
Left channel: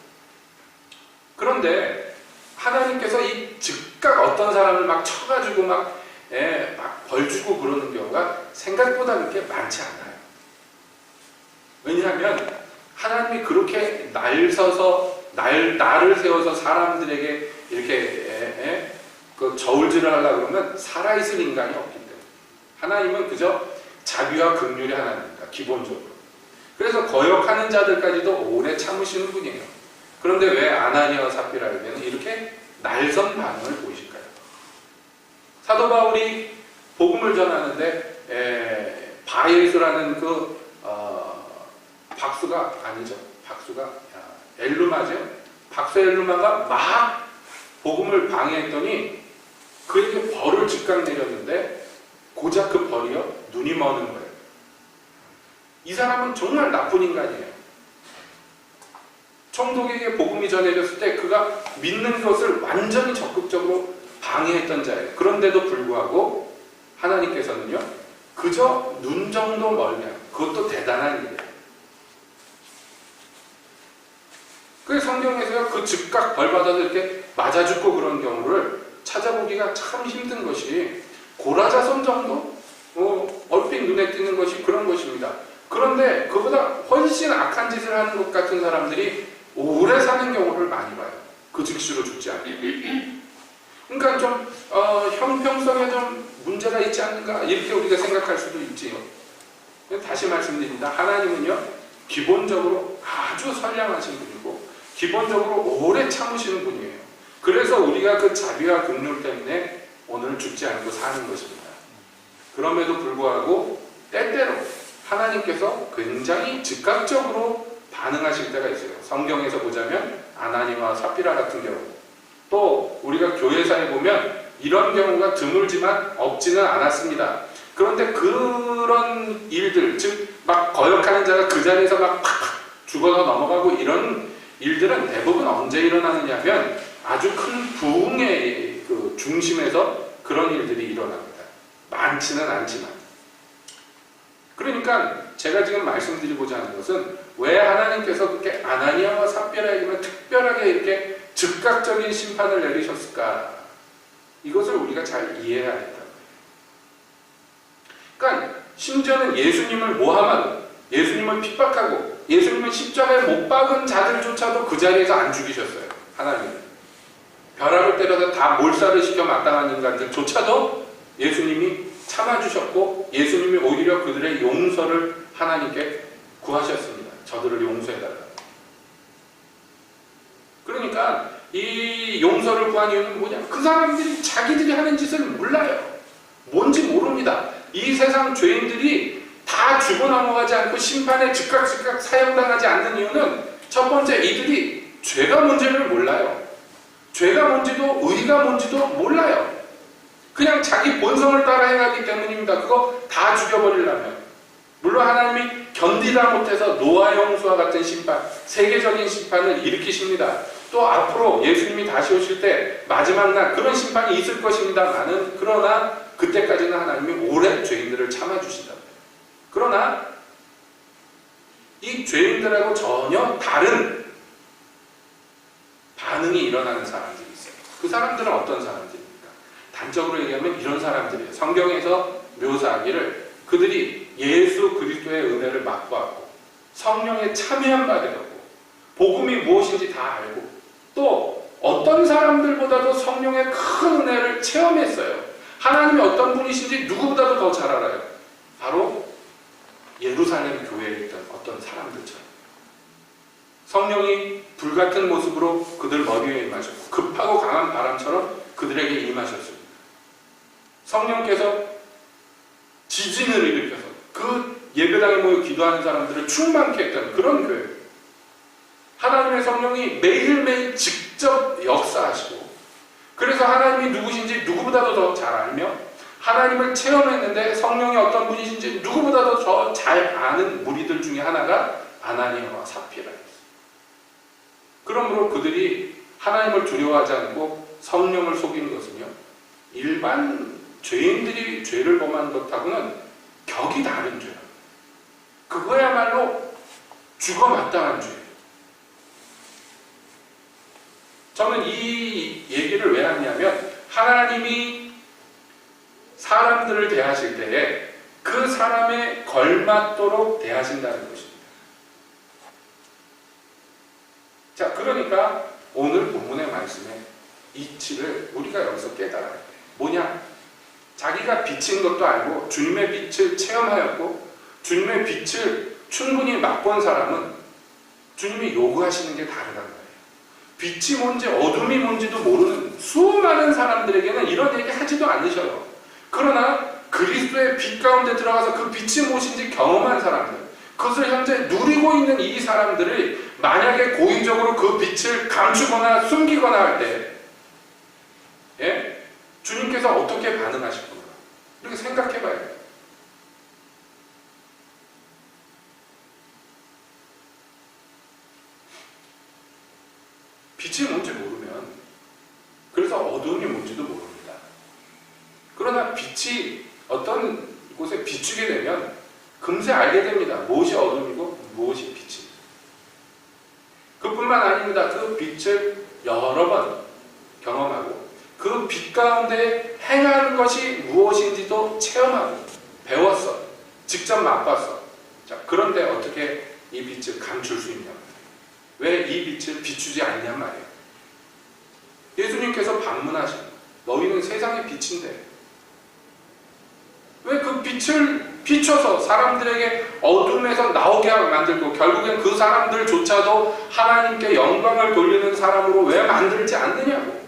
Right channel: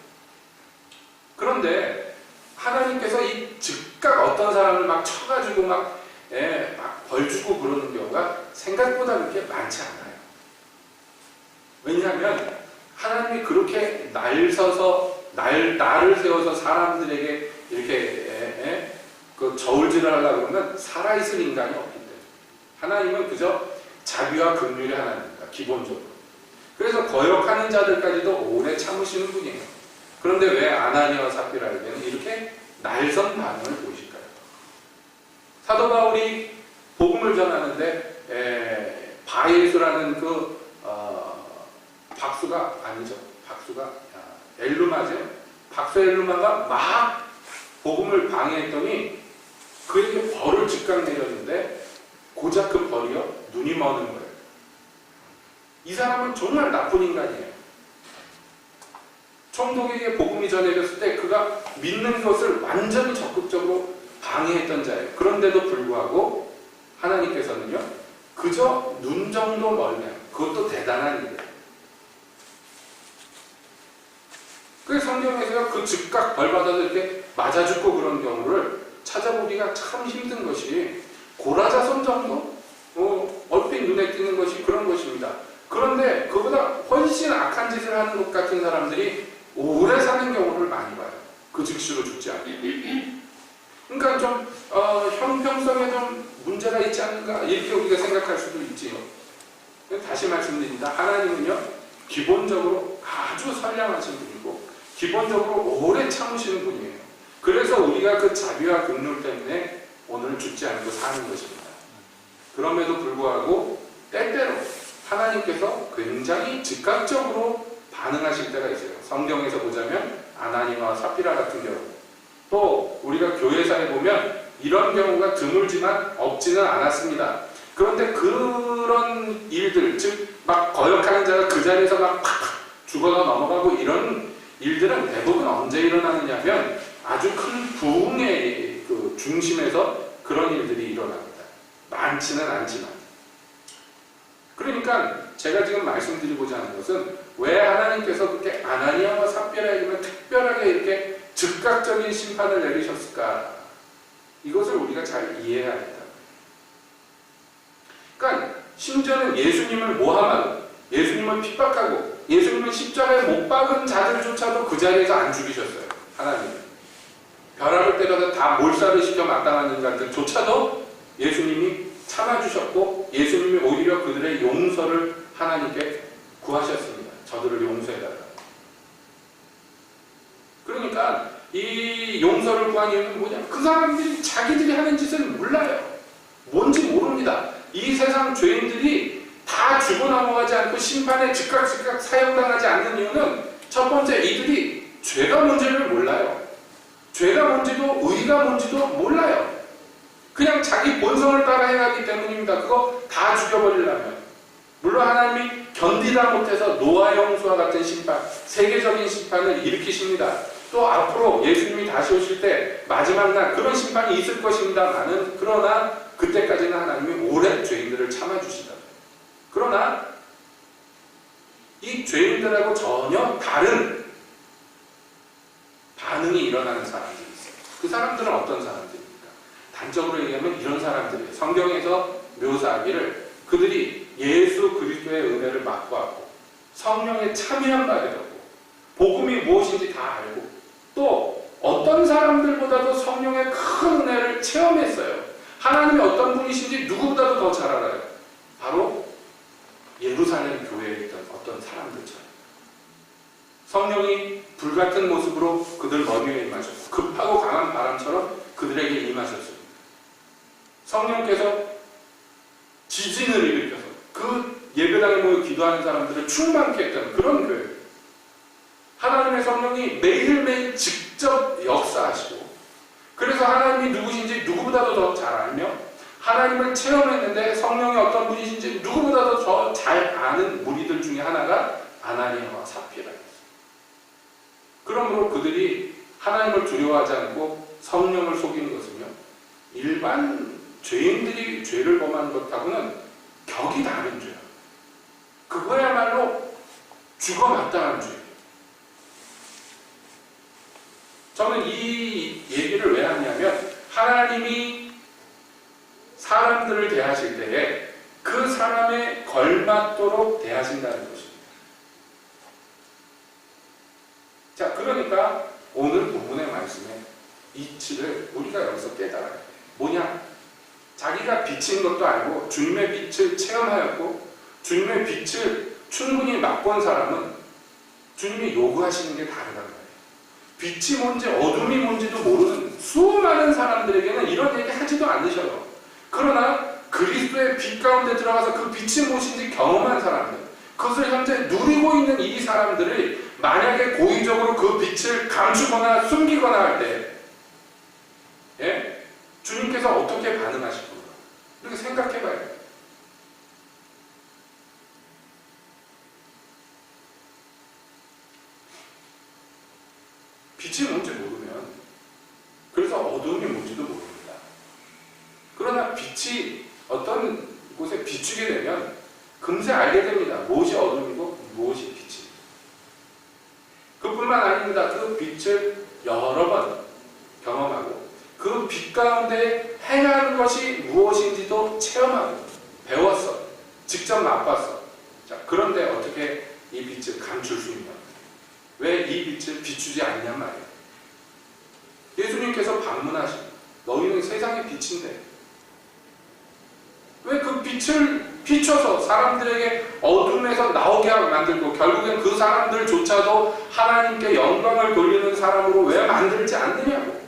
그런데 하나님께서 이 즉각 어떤 사람을 막 쳐가지고 막 벌 주고 그러는 경우가 생각보다 그렇게 많지 않아요. 왜냐하면 하나님이 그렇게 나를 세워서 사람들에게 이렇게 그 저울질을 하려고 그러면 살아있을 인간이 없기 때문에 하나님은 그저 자비와 긍휼이 하나님입니다. 기본적으로. 그래서 거역하는 자들까지도 오래 참으시는 분이에요. 그런데 왜 아나니아와 삽비라에게는 이렇게 날선 반응을 보이실까요? 사도 바울이 복음을 전하는데 바예수라는 박수가 아니죠. 엘루마죠. 박수 엘루마가 막 복음을 방해했더니 그에게 벌을 즉각 내렸는데 고작 그 벌이요 눈이 머는 거예요. 이 사람은 정말 나쁜 인간이에요. 총독에게 복음이 전해졌을 때 그가 믿는 것을 완전히 적극적으로 방해했던 자예요. 그런데도 불구하고 하나님께서는요, 그저 눈 정도 멀면, 그것도 대단한 일이에요. 그 성경에서 그 즉각 벌받아서 이렇게 맞아 죽고 그런 경우를 찾아보기가 참 힘든 것이 고라자손 정도? 얼핏 눈에 띄는 것이 그런 것입니다. 그런데 그보다 훨씬 악한 짓을 하는 것 같은 사람들이 오래 사는 경우를 많이 봐요. 그 즉시로 죽지 않고. 그러니까 좀 형평성에 좀 문제가 있지 않는가 이렇게 우리가 생각할 수도 있지요. 다시 말씀드립니다. 하나님은요, 기본적으로 아주 선량하신 분이고 기본적으로 오래 참으시는 분이에요. 그래서 우리가 그 자비와 긍휼 때문에 오늘 죽지 않고 사는 것입니다. 그럼에도 불구하고 때때로 하나님께서 굉장히 즉각적으로 반응하실 때가 있어요. 성경에서 보자면 아나니와 삽비라 같은 경우, 또 우리가 교회사에 보면 이런 경우가 드물지만 없지는 않았습니다. 그런데 그런 일들, 즉 막 거역하는 자가 그 자리에서 막 팍팍 죽어서 넘어가고 이런 일들은 대부분 언제 일어나느냐 하면 아주 큰 부흥의 그 중심에서 그런 일들이 일어납니다. 많지는 않지만. 그러니까 제가 지금 말씀드리고자 하는 것은 왜 하나님께서 그렇게 아나니아와 삽비라에게만 특별하게 이렇게 즉각적인 심판을 내리셨을까? 이것을 우리가 잘 이해해야 된다. 그러니까 심지어는 예수님을 모함하고 예수님을 핍박하고 예수님을 십자가에 못 박은 자들조차도 그 자리에서 안 죽이셨어요. 하나님은. 벼락을 때려서 다 몰살을 시켜 마땅한 인간들조차도 예수님이 참아주셨고 예수님이 오히려 그들의 용서를 하나님께 구하셨습니다. 저들을 용서해달라고. 그러니까 이 용서를 구한 이유는 뭐냐? 그 사람들이 자기들이 하는 짓을 몰라요. 뭔지 모릅니다. 이 세상 죄인들이 다 죽어 넘어가지 않고 심판에 즉각 사형당하지 않는 이유는 첫 번째, 이들이 죄가 뭔지를 몰라요. 죄가 뭔지도 의가 뭔지도 몰라요. 그냥 자기 본성을 따라 행하기 때문입니다. 그거 다 죽여버리려면. 물론 하나님이 견디다 못해서 노아 홍수와 같은 심판, 세계적인 심판을 일으키십니다. 또 앞으로 예수님이 다시 오실 때 마지막 날 그런 심판이 있을 것입니다만은, 그러나 그때까지는 하나님이 오래 죄인들을 참아주시다. 그러나 이 죄인들하고 전혀 다른 반응이 일어나는 사람들이 있어요. 그 사람들은 어떤 사람들입니까? 단적으로 얘기하면 이런 사람들이에요. 성경에서 묘사하기를 그들이 예수 그리스도의 은혜를 맛보았고 성령에 참여한 바 되었고 복음이 무엇인지 다 알고 또 어떤 사람들보다도 성령의 큰 은혜를 체험했어요. 하나님이 어떤 분이신지 누구보다도 더 잘 알아요. 바로 예루살렘 교회에 있던 어떤 사람들처럼. 성령이 불같은 모습으로 그들 머리에 임하셨고 급하고 강한 바람처럼 그들에게 임하셨습니다. 성령께서 지진을 일으켜서 그 예배당에 모여 기도하는 사람들을 충만케 했던 그런 교회. 하나님의 성령이 매일매일 직접 역사하시고 그래서 하나님이 누구신지 누구보다도 더 잘 알며 하나님을 체험했는데 성령이 어떤 분이신지 누구보다도 더 잘 아는 무리들 중에 하나가 아나니아와 삽비라였어요. 그러므로 그들이 하나님을 두려워하지 않고 성령을 속이는 것은요, 일반 죄인들이 죄를 범한 것하고는 격이 다른 죄예요. 그거야말로 죽어 마땅한 죄예요. 저는 이 얘기를 왜 하냐면 하나님이 사람들을 대하실 때에 그 사람에 걸맞도록 대하신다는 것입니다. 자, 그러니까 오늘 본문의 말씀의 이치를 우리가 여기서 깨달아야 돼요. 뭐냐? 자기가 비친 것도 알고 주님의 빛을 체험하였고 주님의 빛을 충분히 맛본 사람은 주님이 요구하시는 게 다르단 말이에요. 빛이 뭔지 어둠이 뭔지도 모르는 수많은 사람들에게는 이런 얘기 하지도 않으셔요. 그러나 그리스도의 빛 가운데 들어가서 그 빛이 무엇인지 경험한 사람들, 그것을 현재 누리고 있는 이 사람들을 만약에 고의적으로 그 빛을 감추거나 숨기거나 할 때, 예? 주님께서 어떻게 반응하실 건가? 이렇게 생각해 봐야 돼요. 빛이 뭔지 모르면, 그래서 어두움이 뭔지도 모릅니다. 그러나 빛이 어떤 곳에 비추게 되면 금세 알게 됩니다. 무엇이 어둠이고 무엇이 빛이. 그뿐만 아닙니다. 그 빛을 여러 번 경험하고 그 빛 가운데 행하는 것이 무엇인지도 체험하고 배웠어. 직접 맛봤어. 자, 그런데 어떻게 이 빛을 감출 수 있냐? 왜 이 빛을 비추지 않냔 말이에요. 예수님께서 방문하신, 너희는 세상의 빛인데 왜 그 빛을 비춰서 사람들에게 어둠에서 나오게 만들고 결국엔 그 사람들조차도 하나님께 영광을 돌리는 사람으로 왜 만들지 않느냐고.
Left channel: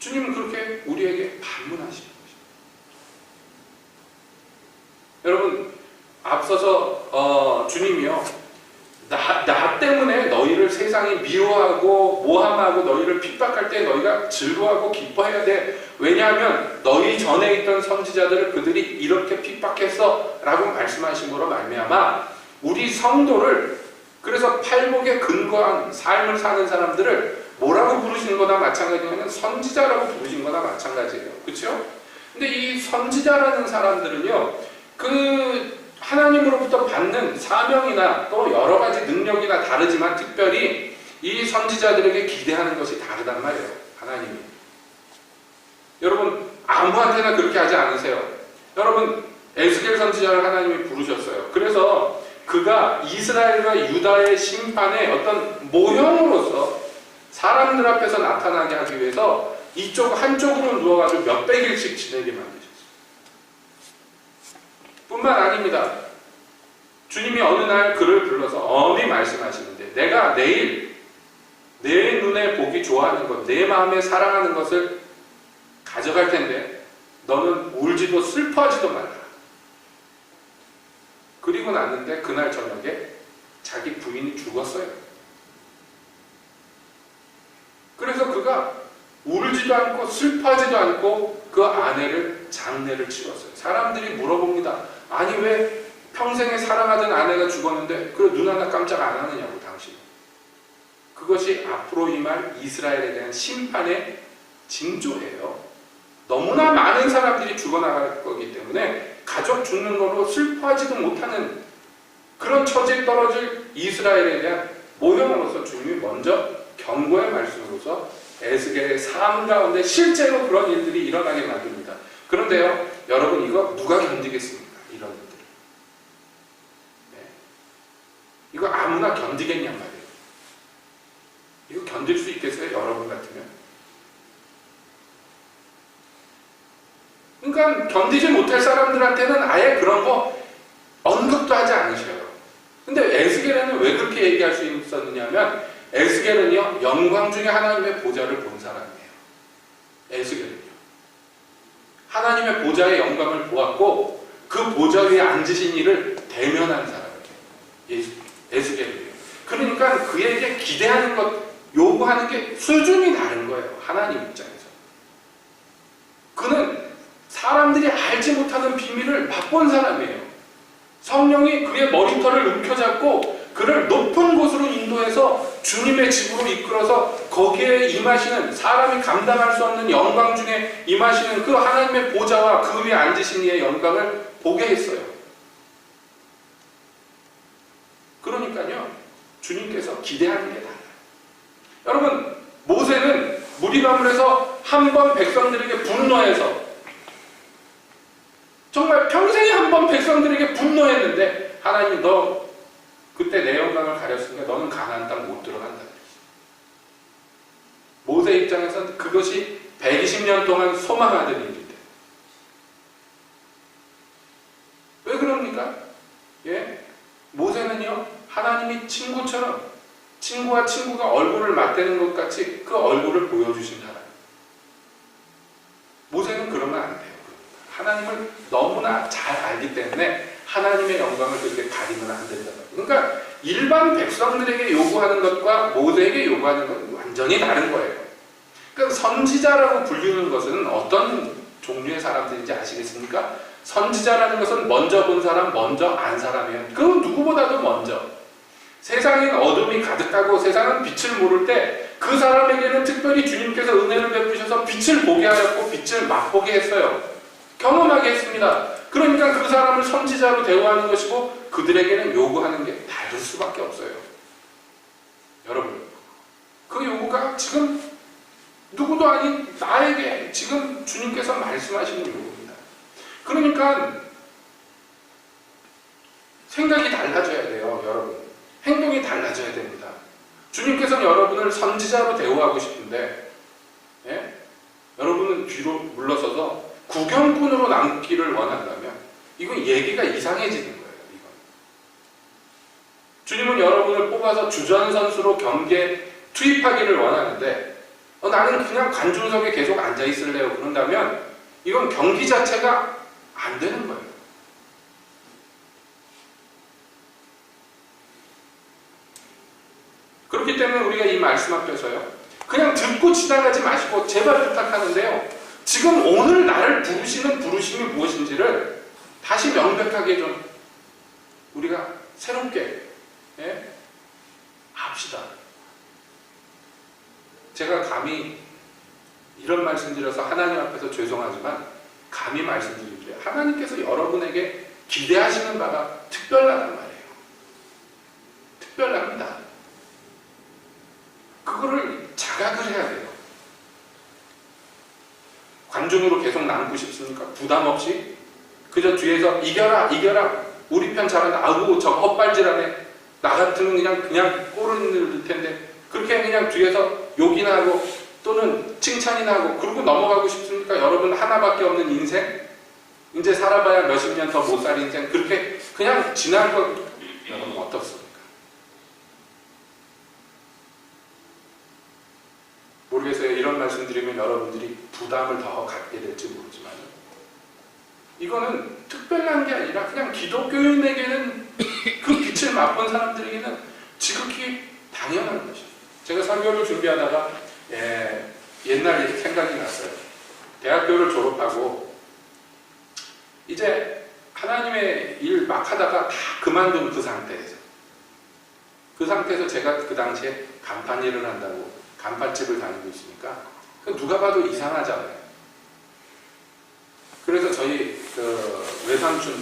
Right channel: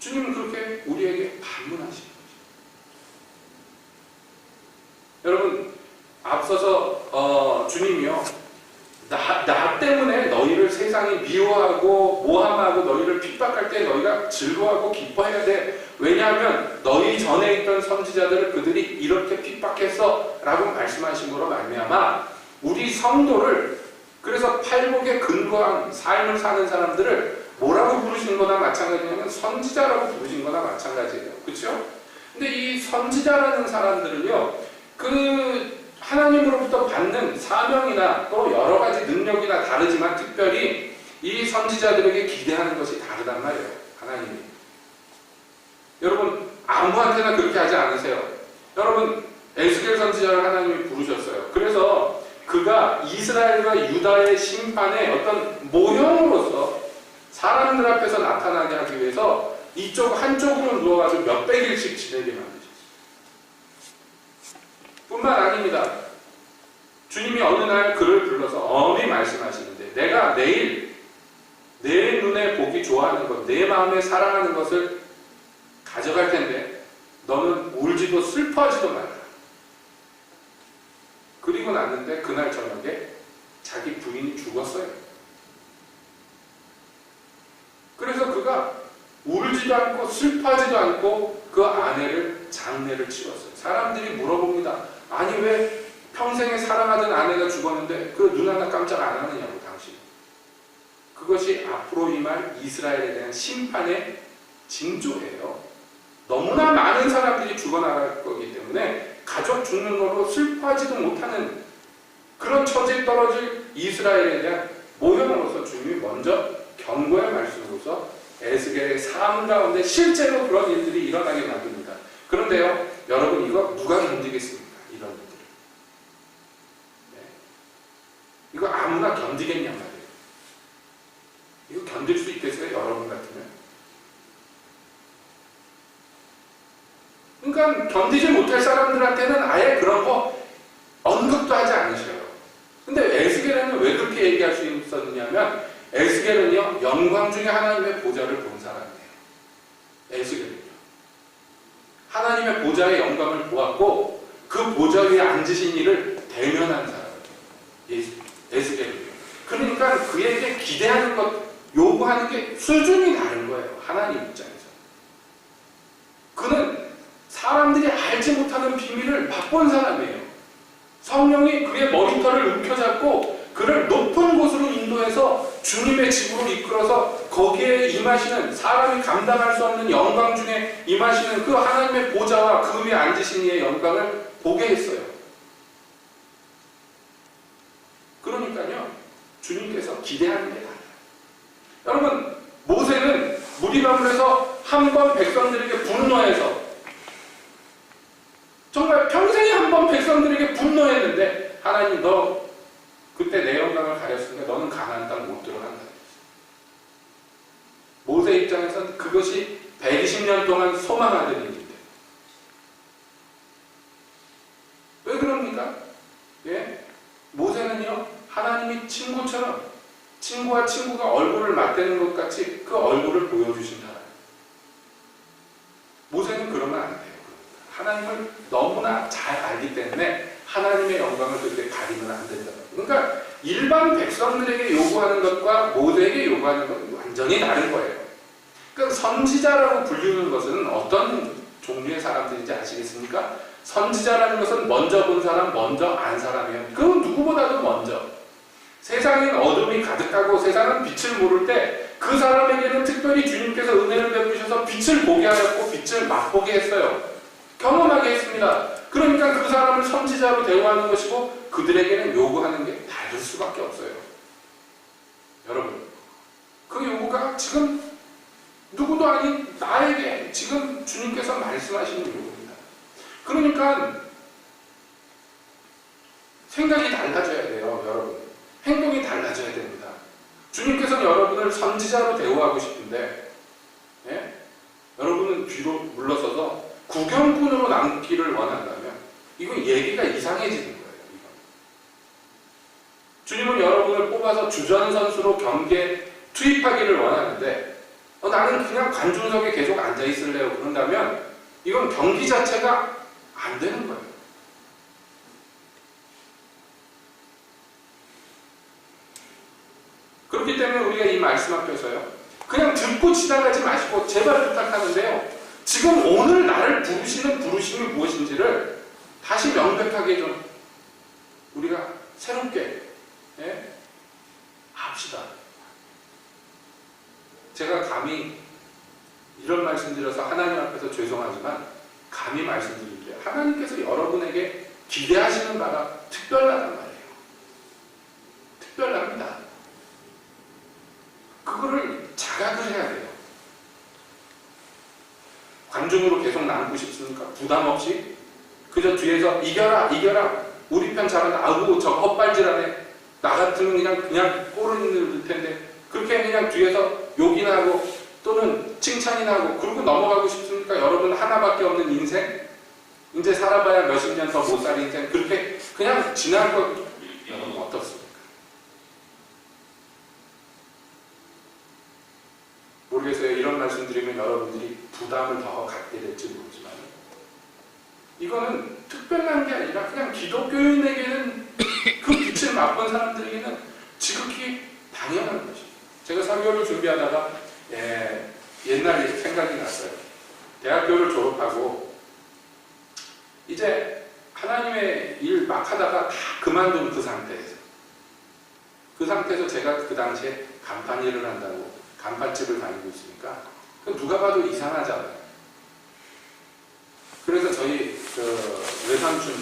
주님은 그렇게 우리에게 방문하시는 것입니다. 여러분, 앞서서 주님이요, 나 때문에 너희를 세상이 미워하고 모함하고 너희를 핍박할 때 너희가 즐거워하고 기뻐해야 돼. 왜냐하면 너희 전에 있던 선지자들을 그들이 이렇게 핍박했어 라고 말씀하신 거로 말미암아 우리 성도를, 그래서 팔복에 근거한 삶을 사는 사람들을 뭐라고 부르시는 거나 마찬가지냐면 선지자라고 부르신 거나 마찬가지예요. 그렇죠? 근데 이 선지자라는 사람들은요, 그 하나님으로부터 받는 사명이나 또 여러 가지 능력이나 다르지만 특별히 이 선지자들에게 기대하는 것이 다르단 말이에요. 하나님이. 여러분, 아무한테나 그렇게 하지 않으세요. 여러분, 에스겔 선지자를 하나님이 부르셨어요. 그래서 그가 이스라엘과 유다의 심판의 어떤 모형으로서 사람들 앞에서 나타나게 하기 위해서 이쪽 한쪽으로 누워가지고 몇백 일씩 지내게 만드셨어요. 뿐만 아닙니다. 주님이 어느 날 그를 불러서 엄히 말씀하시는데, 내가 내일 내 눈에 보기 좋아하는 것, 내 마음에 사랑하는 것을 가져갈 텐데 너는 울지도 슬퍼하지도 말라. 그리고 났는데 그날 저녁에 자기 부인이 죽었어요. 그래서 그가 울지도 않고 슬퍼하지도 않고 그 아내를 장례를 치렀어요. 사람들이 물어봅니다. 아니, 왜 평생에 사랑하던 아내가 죽었는데 그 눈 하나 깜짝 안 하느냐고, 당신. 그것이 앞으로 임할 이스라엘에 대한 심판의 징조예요. 너무나 많은 사람들이 죽어나갈 거기 때문에 가족 죽는 걸로 슬퍼하지도 못하는 그런 처지에 떨어질 이스라엘에 대한 모형으로서 주님이 먼저 경고의 말씀으로서 에스겔의 삶 가운데 실제로 그런 일들이 일어나게 만듭니다. 그런데요, 여러분, 이거 누가 견디겠습니까? 이런 일들을. 네. 이거 아무나 견디겠냔 말이에요. 이거 견딜 수 있겠어요? 여러분 같으면? 그러니까 견디지 못할 사람들한테는 아예 그런 거 언급도 하지 않으셔요. 근데 에스겔에는 왜 그렇게 얘기할 수 있었느냐면, 에스겔은요, 영광 중에 하나님의 보좌를 본 사람이에요. 에스겔은요. 하나님의 보좌의 영광을 보았고 그 보좌 위에 앉으신 이를 대면한 사람이에요. 에스겔은요. 그러니까 그에게 기대하는 것, 요구하는 게 수준이 다른 거예요. 하나님 입장에서. 그는 사람들이 알지 못하는 비밀을 맛본 사람이에요. 성령이 그의 머리털을 움켜잡고 그를 높은 곳으로 인도해서 주님의 집으로 이끌어서 거기에 임하시는, 사람이 감당할 수 없는 영광 중에 임하시는 그 하나님의 보좌와 그 위에 앉으신 이의 영광을 보게 했어요. 그러니까요, 주님께서 기대하는 게 달라요. 여러분, 모세는 무리가물에서 한 번 백성들에게 분노해서, 정말 평생에 한 번 백성들에게 분노했는데, 하나님, 너 그때 내 영광을 가렸으니까 너는 가나안 땅 못 들어간다. 모세 입장에서는 그것이 120년 동안 소망하던 일인데. 왜 그럽니까? 예? 모세는요, 하나님이 친구처럼, 친구와 친구가 얼굴을 맞대는 것 같이 그 얼굴을 보여주신 사람. 모세는 그러면 안 돼요. 하나님을 너무나 잘 알기 때문에 하나님의 영광을 그렇게 가리면 안 된다. 그러니까 일반 백성들에게 요구하는 것과 모세에게 요구하는 건 완전히 다른 거예요. 그러니까 선지자라고 불리는 것은 어떤 종류의 사람들인지 아시겠습니까? 선지자라는 것은 먼저 본 사람, 먼저 안 사람이에요. 그건 누구보다도 먼저. 세상엔 어둠이 가득하고 세상은 빛을 모를 때 그 사람에게는 특별히 주님께서 은혜를 베푸셔서 빛을 보게 하였고 빛을 맛보게 했어요. 경험하게 했습니다. 그러니까 그 사람을 선지자로 대우하는 것이고 그들에게는 요구하는 게 다를 수밖에 없어요. 여러분, 그 요구가 지금 누구도 아닌 나에게 지금 주님께서 말씀하시는 요구입니다. 그러니까 생각이 달라져야 돼요, 여러분. 행동이 달라져야 됩니다. 주님께서는 여러분을 선지자로 대우하고 싶은데, 예? 여러분은 뒤로 물러서서 구경꾼으로 남기를 원한다면 이건 얘기가 이상해지는 거예요. 이건. 주님은 여러분을 뽑아서 주전 선수로 경기에 투입하기를 원하는데 나는 그냥 관중석에 계속 앉아 있을래요. 그런다면 이건 경기 자체가 안 되는 거예요. 그렇기 때문에 우리가 이 말씀 앞에서요, 그냥 듣고 지나가지 마시고 제발 부탁하는데요, 지금 오늘 나를 부르시는 부르심이 무엇인지를 다시 명백하게 좀 우리가 새롭게, 예? 합시다. 제가 감히 이런 말씀드려서 하나님 앞에서 죄송하지만 감히 말씀드릴게요. 하나님께서 여러분에게 기대하시는 바가 특별하단 말이에요. 특별합니다. 그거를 자각을 해야 돼요. 관중으로 계속 남고 싶습니까? 부담 없이 그저 뒤에서 이겨라 이겨라 우리 편 잘한다 아우 저 헛발질하네 나 같으면 그냥 골을 넣을 텐데 그렇게 그냥 뒤에서 욕이나 하고 또는 칭찬이나 하고 그러고 넘어가고 싶습니까? 여러분 하나밖에 없는 인생 이제 살아봐야 몇십 년 더 못 살 인생 그렇게 그냥 지날 것 여러분 어떻습니까? 모르겠어요. 이런 말씀 드리면 여러분들이 부담을 더 갖게 될지 모르지만 이거는 특별한 게 아니라 그냥 기독교인에게는 그 빛을 맛본 사람들에게는 지극히 당연한 것이에요. 제가 설교를 준비하다가 옛날에 생각이 났어요. 대학교를 졸업하고 이제 하나님의 일 막 하다가 다 그만둔 그 상태에서 제가 그 당시에 간판 일을 한다고 간판집을 다니고 있으니까 누가 봐도 이상하잖아요. 그래서 저희 그 외삼촌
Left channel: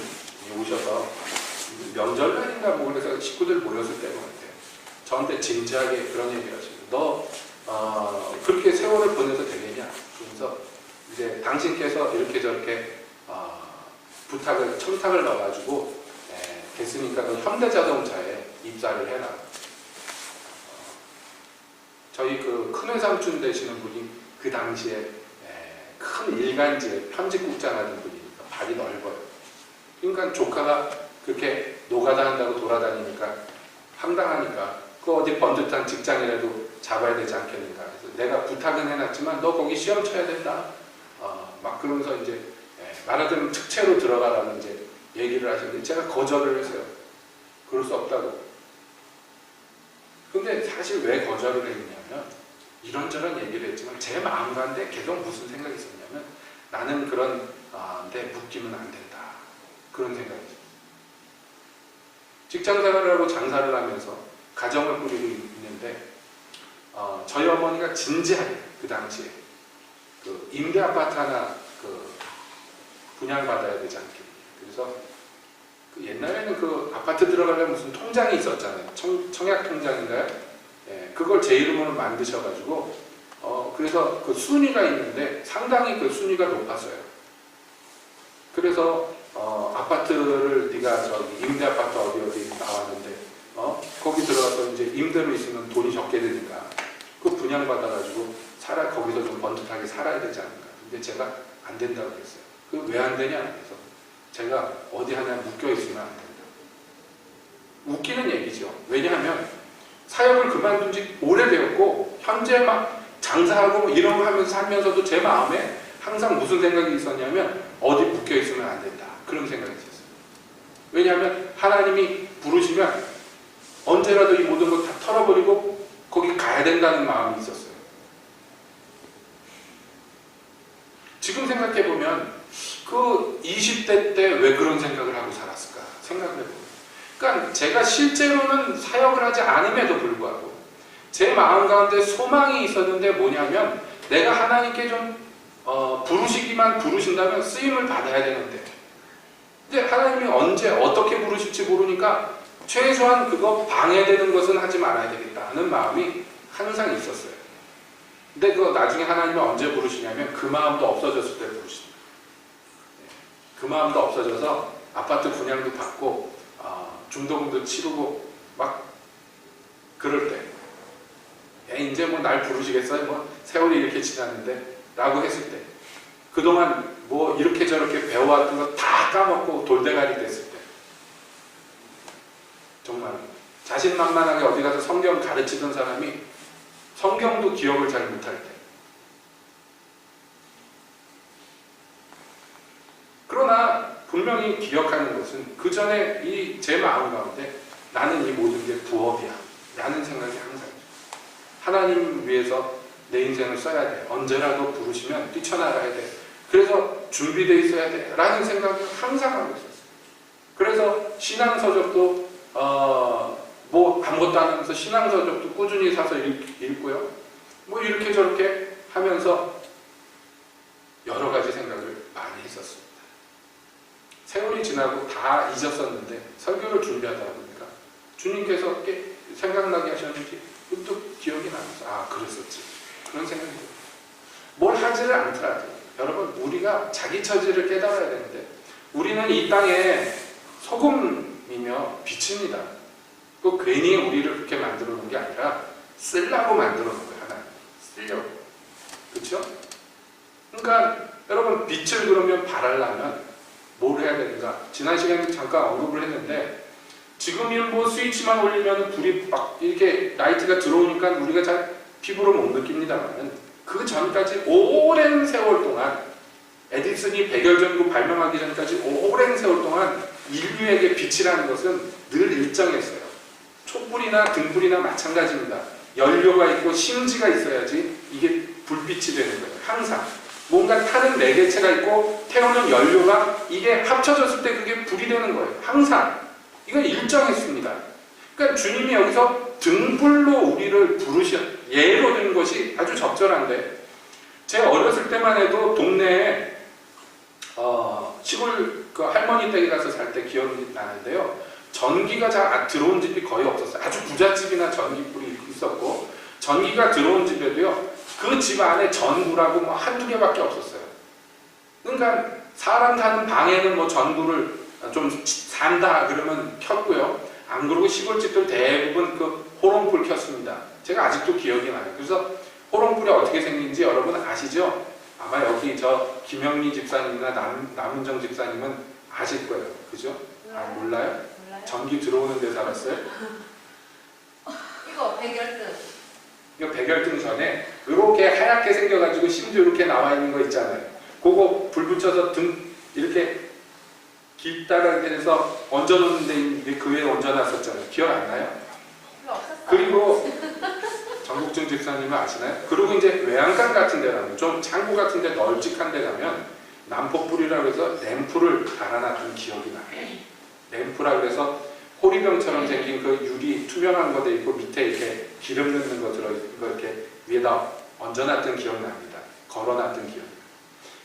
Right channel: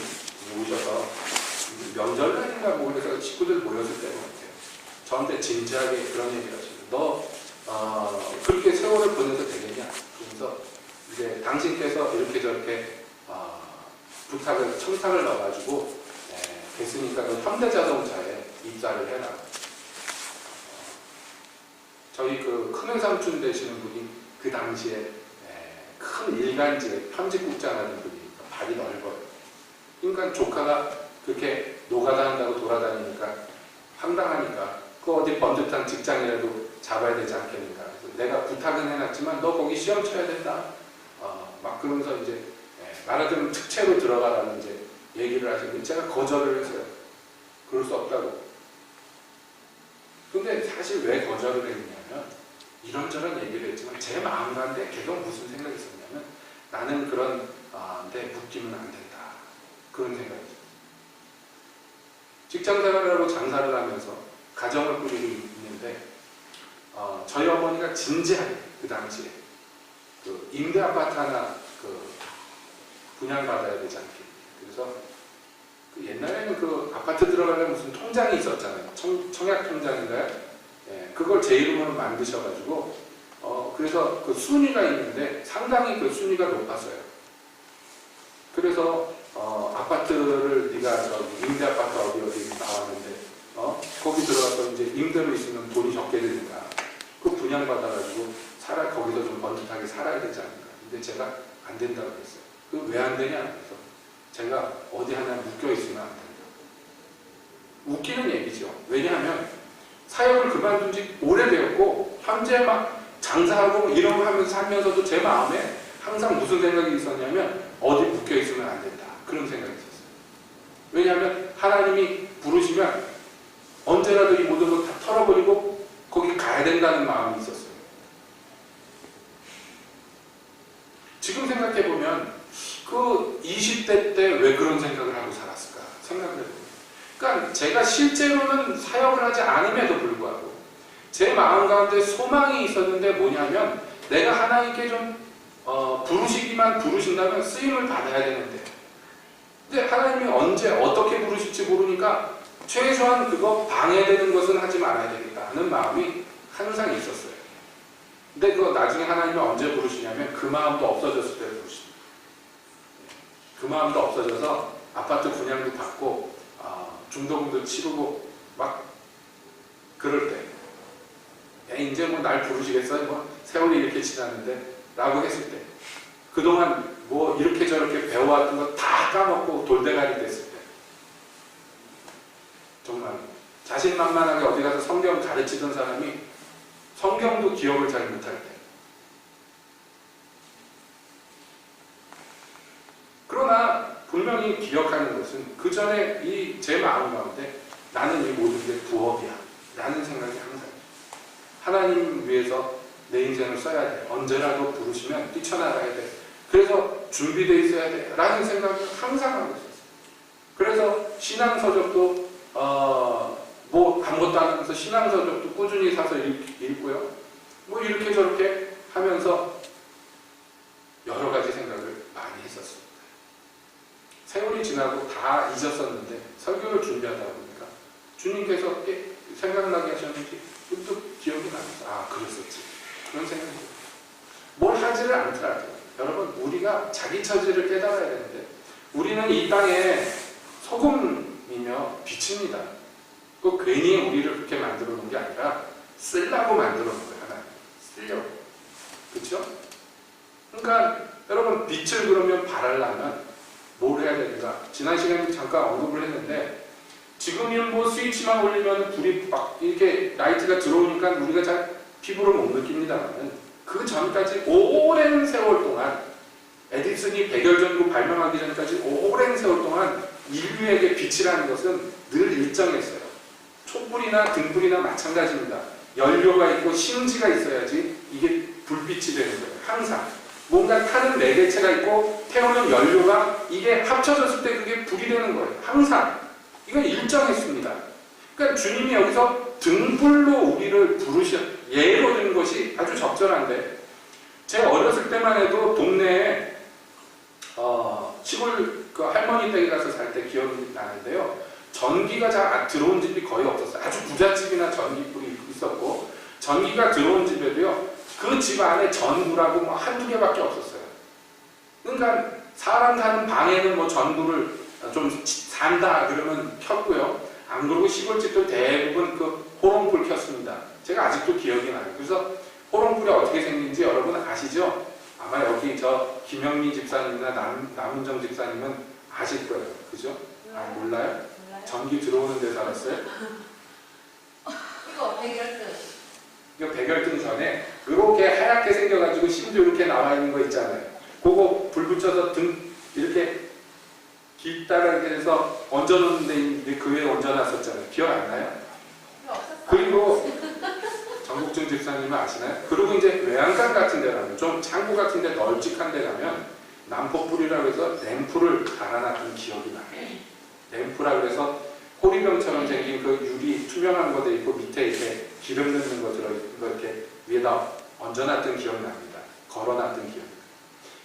오셔서 명절날인가 뭐 그래서 식구들 모였을 때인 것 같아요. 저한테 진지하게 그런 얘기를 하시고 너 그렇게 세월을 보내도 되겠냐? 그러면서 이제 당신께서 이렇게 저렇게 청탁을 넣어가지고 됐으니까 그 현대자동차에 입사를 해라. 저희 그 큰외삼촌 되시는 분이 그 당시에 큰 일간지에 편집국장 하던 분이니까 발이 넓어요. 그러니까 조카가 그렇게 노가다 한다고 돌아다니니까 황당하니까 그 어디 번듯한 직장이라도 잡아야 되지 않겠는가. 그래서 내가 부탁은 해놨지만 너 거기 시험 쳐야 된다. 막 그러면서 이제 말하자면 특채로 들어가라는 이제 얘기를 하시는데 제가 거절을 했어요. 그럴 수 없다고. 근데 사실 왜 거절을 했냐면 이런저런 얘기를 했지만 제 마음 가운데 계속 무슨 생각이 있었냐면 나는 그런 데 묶이면 안 된다. 그런 생각이 있어요. 직장생활을 하고 장사를 하면서 가정을 꾸리고 있는데 저희 어머니가 진지하게 그 당시에 그 임대 아파트 하나 그 분양받아야 되지 않겠니. 그래서 그 옛날에는 그 아파트 들어가려면 무슨 통장이 있었잖아요. 청약 통장인가요? 그걸 제 이름으로 만드셔가지고 그래서 그 순위가 있는데 상당히 그 순위가 높았어요. 그래서 아파트를 네가 저기 임대 아파트 어디 나왔는데 거기 들어가서 이제 임대로 있으면 돈이 적게 되니까 그 분양받아가지고 거기서 좀 번듯하게 살아야 되지 않을까. 근데 제가 안 된다고 그랬어요. 그 왜 안 되냐? 그래서 제가 어디 하나 묶여 있으면 안 된다. 웃기는 얘기죠. 왜냐하면 사역을 그만둔 지 오래되었고 현재 막 장사하고 이런 거 하면서 살면서도 제 마음에 항상 무슨 생각이 있었냐면 어디 묶여 있으면 안 된다. 그런 생각이 있었어요. 왜냐하면 하나님이 부르시면 언제라도 이 모든 걸 다 털어버리고 거기 가야 된다는 마음이 있었어요. 지금 생각해보면 그 20대 때 왜 그런 생각을 하고 살았을까 생각을 해보면 그러니까 제가 실제로는 사역을 하지 않음에도 불구하고 제 마음 가운데 소망이 있었는데 뭐냐면 내가 하나님께 좀 부르시기만 부르신다면 쓰임을 받아야 되는데 근데 하나님이 언제 어떻게 부르실지 모르니까 최소한 그거 방해되는 것은 하지 말아야 되겠다 하는 마음이 항상 있었어요. 근데 그거 나중에 하나님이 언제 부르시냐면 그 마음도 없어졌을 때 부르십니다. 그 마음도 없어져서 아파트 분양도 받고 중도금도 치르고 막 그럴 때 이제 뭐 날 부르시겠어요? 뭐 세월이 이렇게 지났는데 라고 했을 때 그동안 뭐 이렇게 저렇게 배워왔던 거 다 까먹고 돌대가리 됐을 때 정말 자신만만하게 어디 가서 성경 가르치던 사람이 성경도 기억을 잘 못할 때 그러나 분명히 기억하는 것은 그 전에 이 제 마음 가운데 나는 이 모든 게 부업이야 라는 생각이 항상 하나님 위해서 내 인생을 써야 돼. 언제라도 부르시면 뛰쳐나가야 돼. 그래서 준비되어 있어야 돼. 라는 생각을 항상 하고 있었어요. 그래서 신앙서적도 뭐 아무것도 안 하면서 신앙서적도 꾸준히 사서 읽고요. 뭐 이렇게 저렇게 하면서 여러 가지 생각을 많이 했었습니다. 세월이 지나고 다 잊었었는데 설교를 준비하다 보니까 주님께서 생각나게 하셨는지 또 기억이 나면서 그랬었지. 그런 생각이 들어요. 뭘 하지를 않더라도 여러분 우리가 자기 처지를 깨달아야 되는데 우리는 이 땅에 소금이며 빛입니다. 또 괜히 우리를 그렇게 만들어 놓은 게 아니라 쓰려고 만들어 놓은 거예요. 하나님 쓰려고. 그렇죠? 그러니까 여러분 빛을 그러면 발하려면 뭘 해야 되는가? 지난 시간에 잠깐 언급을 했는데 지금은 뭐 스위치만 올리면 불이 막 이렇게 라이트가 들어오니까 우리가 잘 피부로 못 느낍니다만 그 전까지 오랜 세월 동안 에디슨이 100여 년으로 발명하기 전까지 오랜 세월 동안 인류에게 빛이라는 것은 늘 일정했어요. 촛불이나 등불이나 마찬가지입니다. 연료가 있고 심지가 있어야지 이게 불빛이 되는 거예요. 항상 뭔가 타는 매개체가 있고 태우는 연료가 이게 합쳐졌을 때 그게 불이 되는 거예요. 항상 이건 일정했습니다. 그러니까 주님이 여기서 등불로 우리를 예로 든 것이 아주 적절한데 제 어렸을 때만 해도 동네에 시골 그 할머니 댁에 가서 살 때 기억이 나는데요. 전기가 잘 들어온 집이 거의 없었어요. 아주 부잣집이나 전기불이 있었고 전기가 들어온 집에도요. 그 집 안에 전구라고 뭐 한두 개밖에 없었어요. 그러니까 사람 사는 방에는 뭐 전구를 좀 산다 그러면 켰고요. 안 그러고 시골집들 대부분 그 호롱불 켰습니다. 제가 아직도 기억이 나요. 그래서 호롱불이 어떻게 생긴지 여러분 아시죠? 아마 여기 저 김영미 집사님이나 남은정 집사님은 아실 거예요. 그죠? 몰라요? 전기 들어오는 데 살았어요? 이거 백열등. 이거 백열등 전에 이렇게 하얗게 생겨가지고 심지어 이렇게 나와 있는 거 있잖아요. 그거 불 붙여서 등 이렇게 길다랗게 해서 얹어놓는데 그 위에 얹어놨었잖아요. 기억 안 나요? 그리고 정국준 집사님은 아시나요? 그리고 이제 외양간 같은 데 가면 좀 창고 같은 데 널찍한 데 가면 난폭불이라고 해서 램프를 달아놨던 기억이 나요. 램프라 그래서 호리병처럼 생긴 그 유리 투명한 거 돼 있고 밑에 이렇게 기름 넣는 거 들어있는 거 이렇게 위에다 얹어놨던 기억이 납니다. 걸어놨던 기억이.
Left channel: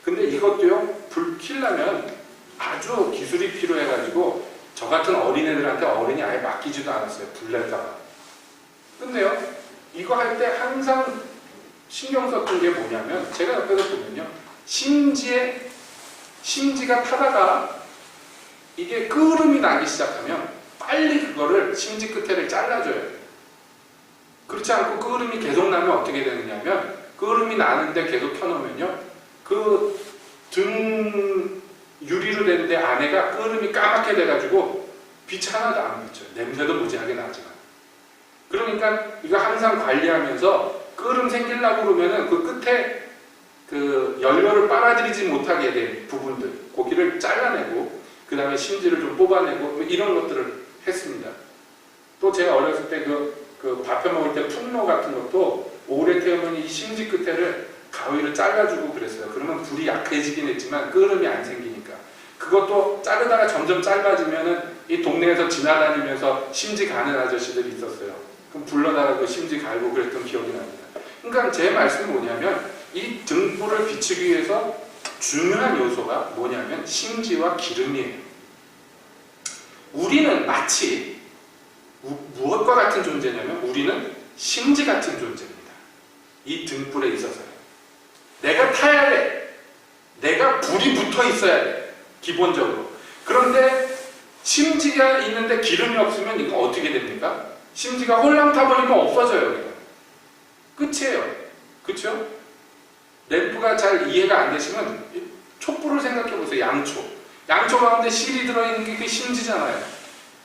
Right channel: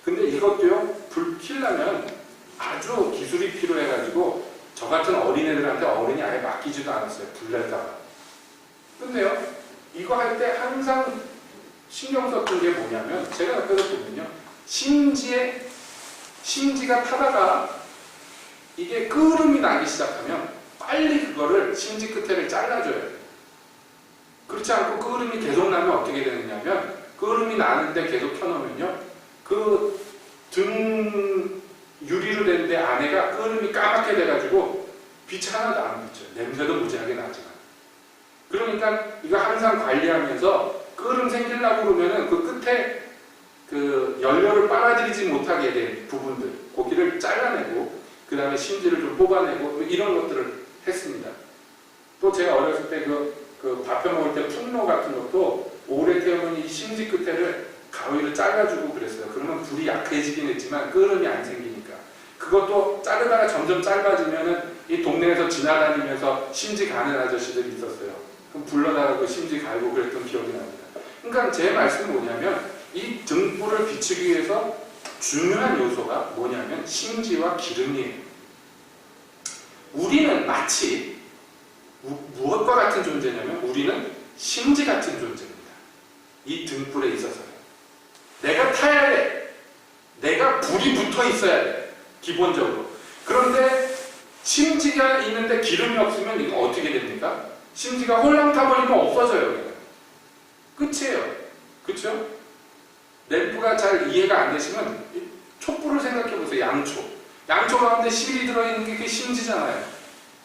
근데 이것도요, 불 켜려면 아주 기술이 필요해가지고 저 같은 어린애들한테 어른이 아예 맡기지도 않았어요. 불 낼까봐. 근데요, 이거 할 때 항상 신경 썼던 게 뭐냐면 제가 옆에서 보면요. 심지가 타다가 이게 끄름이 나기 시작하면 빨리 그거를 심지 끝에를 잘라줘야 돼요. 그렇지 않고 끄름이 계속 나면 어떻게 되느냐면 끄름이 나는데 계속 켜놓으면요. 그 등 유리로 된데 안에가 끄름이 까맣게 돼가지고 빛이 하나도 안 비쳐요. 냄새도 무지하게 나지만. 그러니까 이거 항상 관리하면서 끄름 생기려고 그러면은 그 끝에 그 연료를 빨아들이지 못하게 된 부분들, 고기를 잘라내고 그 다음에 심지를 좀 뽑아내고 이런 것들을 했습니다. 또 제가 어렸을 때 그 밥해 먹을 때 풍로 같은 것도 오래 태우면 이 심지 끝에를 가위로 잘라주고 그랬어요. 그러면 불이 약해지긴 했지만 끄름이 안 생기니까. 그것도 자르다가 점점 짧아지면은 이 동네에서 지나다니면서 심지 가는 아저씨들이 있었어요. 그럼 불러다가 그 심지 갈고 그랬던 기억이 납니다. 그러니까 제 말씀은 뭐냐면 이 등불을 비추기 위해서 중요한 요소가 뭐냐면 심지와 기름이에요. 우리는 마치 무엇과 같은 존재냐면 우리는 심지 같은 존재입니다. 이 등불에 있어서요. 내가 타야 돼. 내가 불이 붙어 있어야 돼. 기본적으로. 그런데 심지가 있는데 기름이 없으면 이거 어떻게 됩니까? 심지가 홀랑 타버리면 없어져요. 그냥. 끝이에요. 그렇죠? 램프가 잘 이해가 안 되시면 촛불을 생각해 보세요. 양초. 양초 가운데 실이 들어있는 게 그 심지잖아요.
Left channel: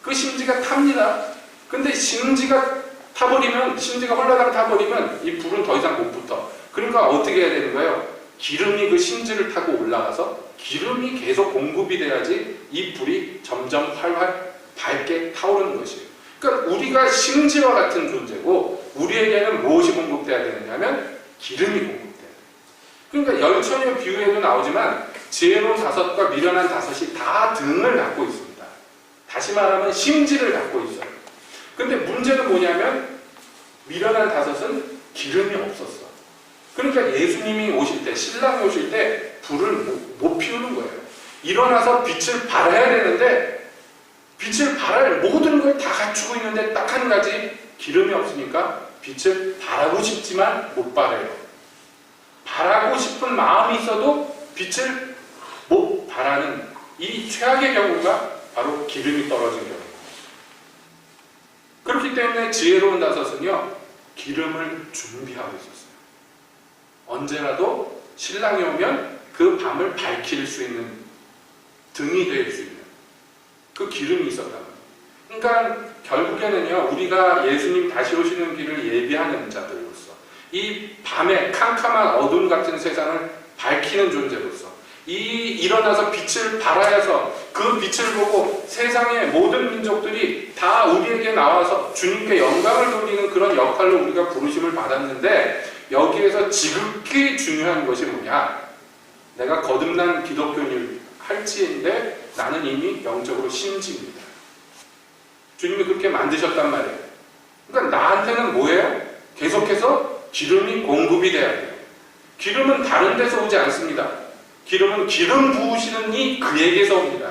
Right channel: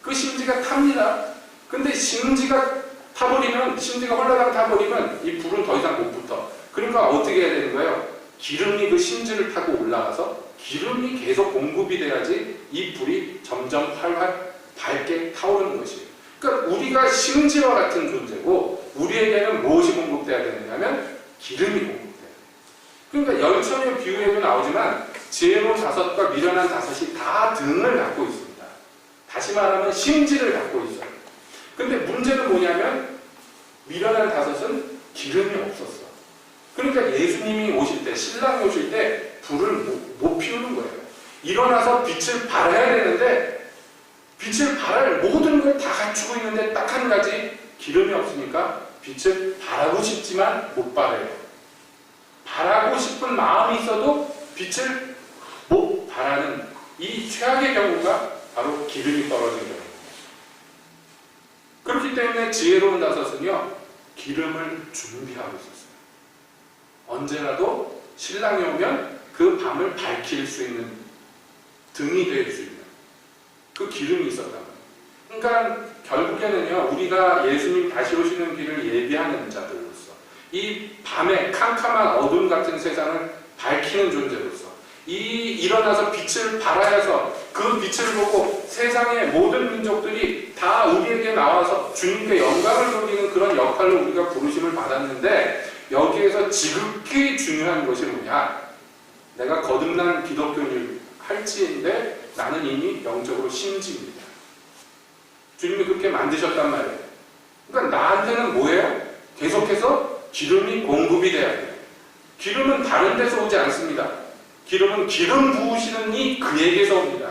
그 심지가 탑니다. 근데 심지가 타버리면, 심지가 홀라당 타버리면 이 불은 더 이상 못 붙어. 그러니까 어떻게 해야 되는 거예요? 기름이 그 심지를 타고 올라가서 기름이 계속 공급이 돼야지 이 불이 점점 활활 밝게 타오르는 것이에요. 그러니까 우리가 심지와 같은 존재고 우리에게는 무엇이 공급돼야 되느냐면 기름이 공급돼야 돼요. 그러니까 열처녀 비유에도 나오지만 지혜로운 다섯과 미련한 다섯이 다 등을 갖고 있습니다. 다시 말하면 심지를 갖고 있어요. 근데 문제는 뭐냐면 미련한 다섯은 기름이 없었어. 그러니까 예수님이 오실 때, 신랑이 오실 때 불을 못 피우는 거예요. 일어나서 빛을 발해야 되는데 빛을 발할 모든 걸 다 갖추고 있는데 딱 한 가지 기름이 없으니까 빛을 발하고 싶지만 못 발해요. 발하고 싶은 마음이 있어도 빛을 못 발하는 이 최악의 경우가 바로 기름이 떨어진 경우입니다. 그렇기 때문에 지혜로운 다섯은요, 기름을 준비하고 있었어요. 언제라도 신랑이 오면 그 밤을 밝힐 수 있는 등이 될 수 있는 그 기름이 있었단 말이에요. 그러니까 결국에는요, 우리가 예수님 다시 오시는 길을 예비하는 자들로서 이 밤에 캄캄한 어둠 같은 세상을 밝히는 존재로서 일어나서 빛을 발하여서 그 빛을 보고 세상의 모든 민족들이 다 우리에게 나와서 주님께 영광을 돌리는 그런 역할로 우리가 부르심을 받았는데 여기에서 지극히 중요한 것이 뭐냐? 내가 거듭난 기독교인을 할지인데 나는 이미 영적으로 심지입니다. 주님이 그렇게 만드셨단 말이에요. 그러니까 나한테는 뭐예요? 계속해서 기름이 공급이 돼야 돼요. 기름은 다른 데서 오지 않습니다. 기름은 기름 부으시는 이 그에게서 옵니다.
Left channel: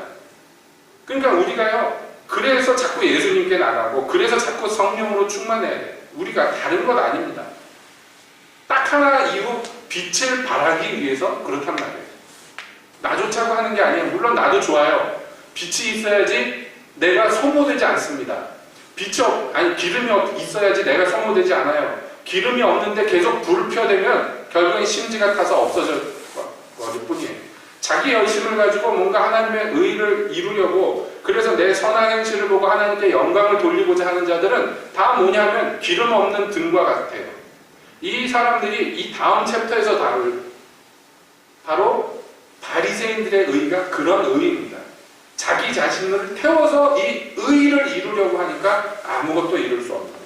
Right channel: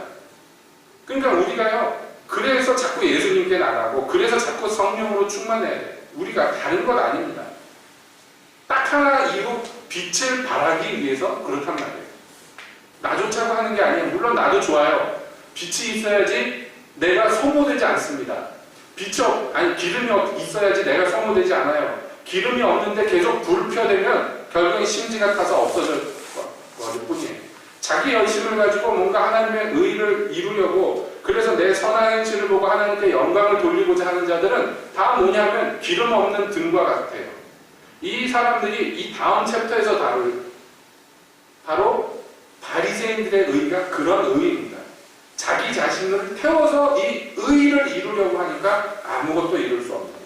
그러니까 우리가요, 그래서 자꾸 예수님께 나가고 그래서 자꾸 성령으로 충만해야 돼요. 우리가 다른 것 아닙니다. 딱 하나 이유, 빛을 발하기 위해서 그렇단 말이에요. 나 좋자고 하는 게 아니에요. 물론 나도 좋아요. 빛이 있어야지 내가 소모되지 않습니다. 기름이 있어야지 내가 소모되지 않아요. 기름이 없는데 계속 불을 펴대면 결국엔 심지가 타서 없어질 뿐이에요. 자기 열심을 가지고 뭔가 하나님의 의를 이루려고 그래서 내 선한 행실을 보고 하나님께 영광을 돌리고자 하는 자들은 다 뭐냐면 기름 없는 등과 같아요. 이 사람들이 이 다음 챕터에서 다룰 바로 바리새인들의 의가 그런 의입니다. 자기 자신을 태워서 이 의를 이루려고 하니까 아무것도 이룰 수 없는 거예요.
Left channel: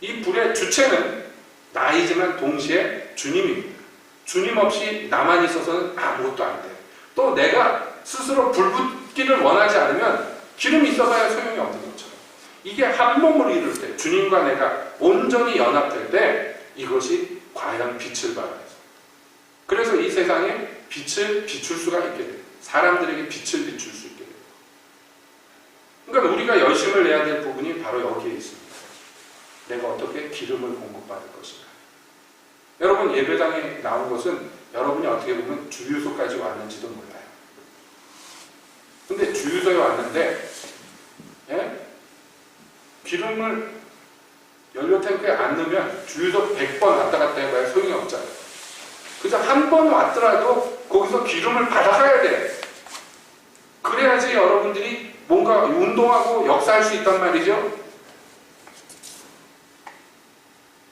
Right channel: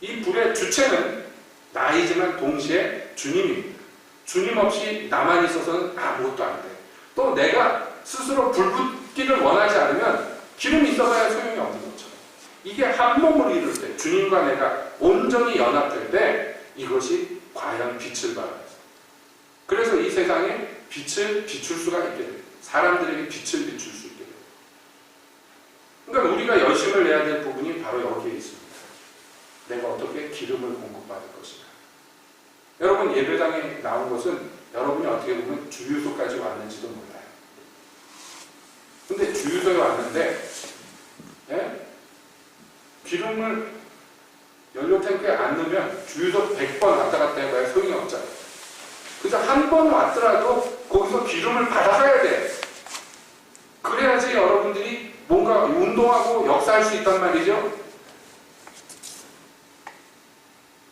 이 불의 주체는 나이지만 동시에 주님입니다. 주님 없이 나만 있어서는 아무것도 안 돼. 또 내가 스스로 불 붙기를 원하지 않으면 기름이 있어봐야 소용이 없는 것처럼. 이게 한 몸을 이룰 때, 주님과 내가 온전히 연합될 때 이것이 과연 빛을 발하죠. 그래서 이 세상에 빛을 비출 수가 있게 돼요. 사람들에게 빛을 비출 수 있게 돼요. 그러니까 우리가 열심을 내야 될 부분이 바로 여기에 있습니다. 내가 어떻게 기름을 공급받을 것인가. 여러분, 예배당에 나온 것은 여러분이 어떻게 보면 주유소까지 왔는지도 몰라요. 근데 주유소에 왔는데 기름을 연료탱크에 안 넣으면 주유소 100번 왔다 갔다 해봐야 소용이 없잖아요. 그래서 한 번 왔더라도 거기서 기름을 받아가야 돼. 그래야지 여러분들이 뭔가 운동하고 역사할 수 있단 말이죠.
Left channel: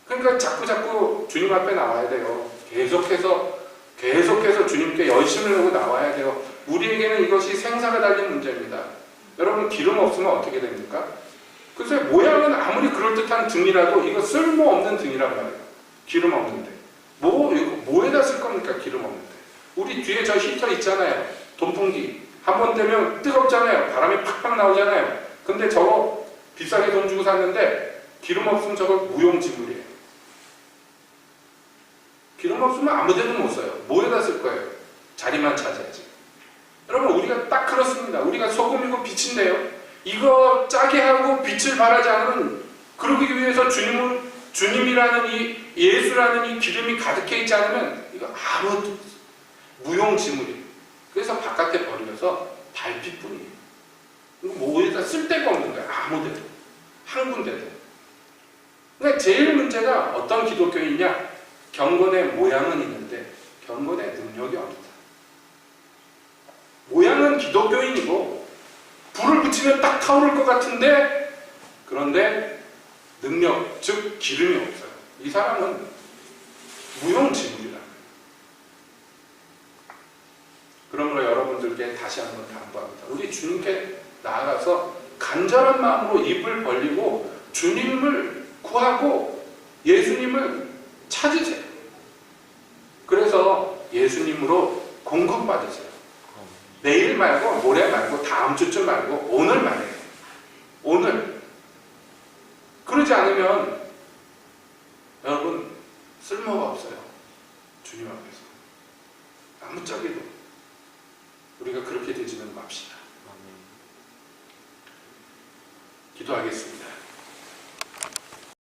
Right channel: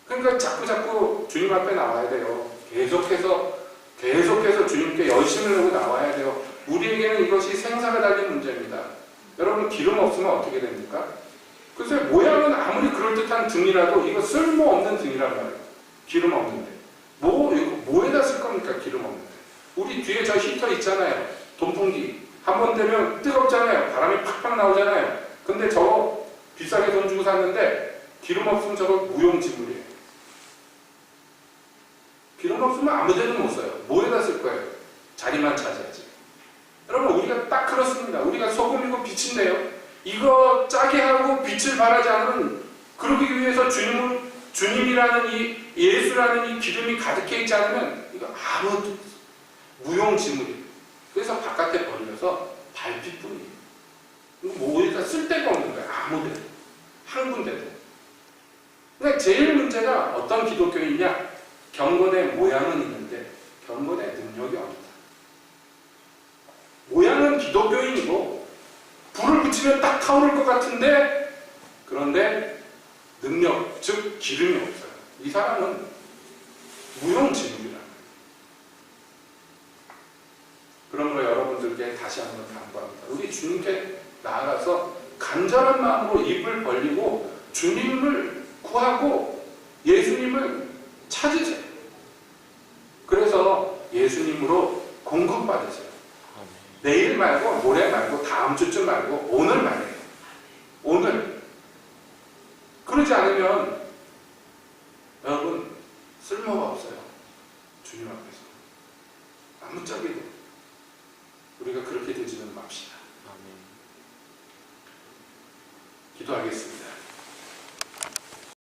그러니까 자꾸 주님 앞에 나와야 돼요. 계속해서 주님께 열심을 내고 나와야 돼요. 우리에게는 이것이 생사가 달린 문제입니다. 여러분, 기름 없으면 어떻게 됩니까? 글쎄, 모양은 아무리 그럴듯한 등이라도 이거 쓸모없는 등이란 말이에요. 기름 없는데. 뭐에다 쓸 겁니까? 기름 없는데. 우리 뒤에 저 히터 있잖아요. 돈풍기. 한 번 되면 뜨겁잖아요. 바람이 팍팍 나오잖아요. 근데 저거 비싸게 돈 주고 샀는데 기름 없으면 저거 무용지물이에요. 기름 없으면 아무 데도 못 써요. 뭐에다 쓸 거예요? 자리만 차지하지. 여러분, 우리가 딱 그렇습니다. 우리가 소금이고 빛인데요. 이거 짜게 하고 빛을 발하지 않으면, 그러기 위해서 주님이라는 이 예수라는 이 기름이 가득해 있지 않으면 이거 아무 무용지물이에요. 그래서 바깥에 버려서 발빛뿐이에요. 뭐 어디다 쓸 데가 없는 거예요. 아무데도. 한 군데도. 그러니까 제일 문제가 어떤 기독교인이냐? 경건의 모양은 있는데 경건의 능력이 없다. 모양은 기독교인이고 불을 붙이면 딱 타오를 것 같은데, 그런데 능력, 즉 기름이 없어요. 이 사람은 무용지물이라는 거예요. 그러므로 여러분들께 다시 한번 당부합니다. 우리 주님께 나아가서 간절한 마음으로 입을 벌리고 주님을 구하고 예수님을 찾으세요. 그래서 예수님으로 공급받으세요. 내일 말고 모레 말고 다음 주쯤 말고 오늘 말이에요. 오늘. 그러지 않으면 여러분 쓸모가 없어요. 주님 앞에서. 아무짝에도 우리가 그렇게 되지는 맙시다. 기도하겠습니다.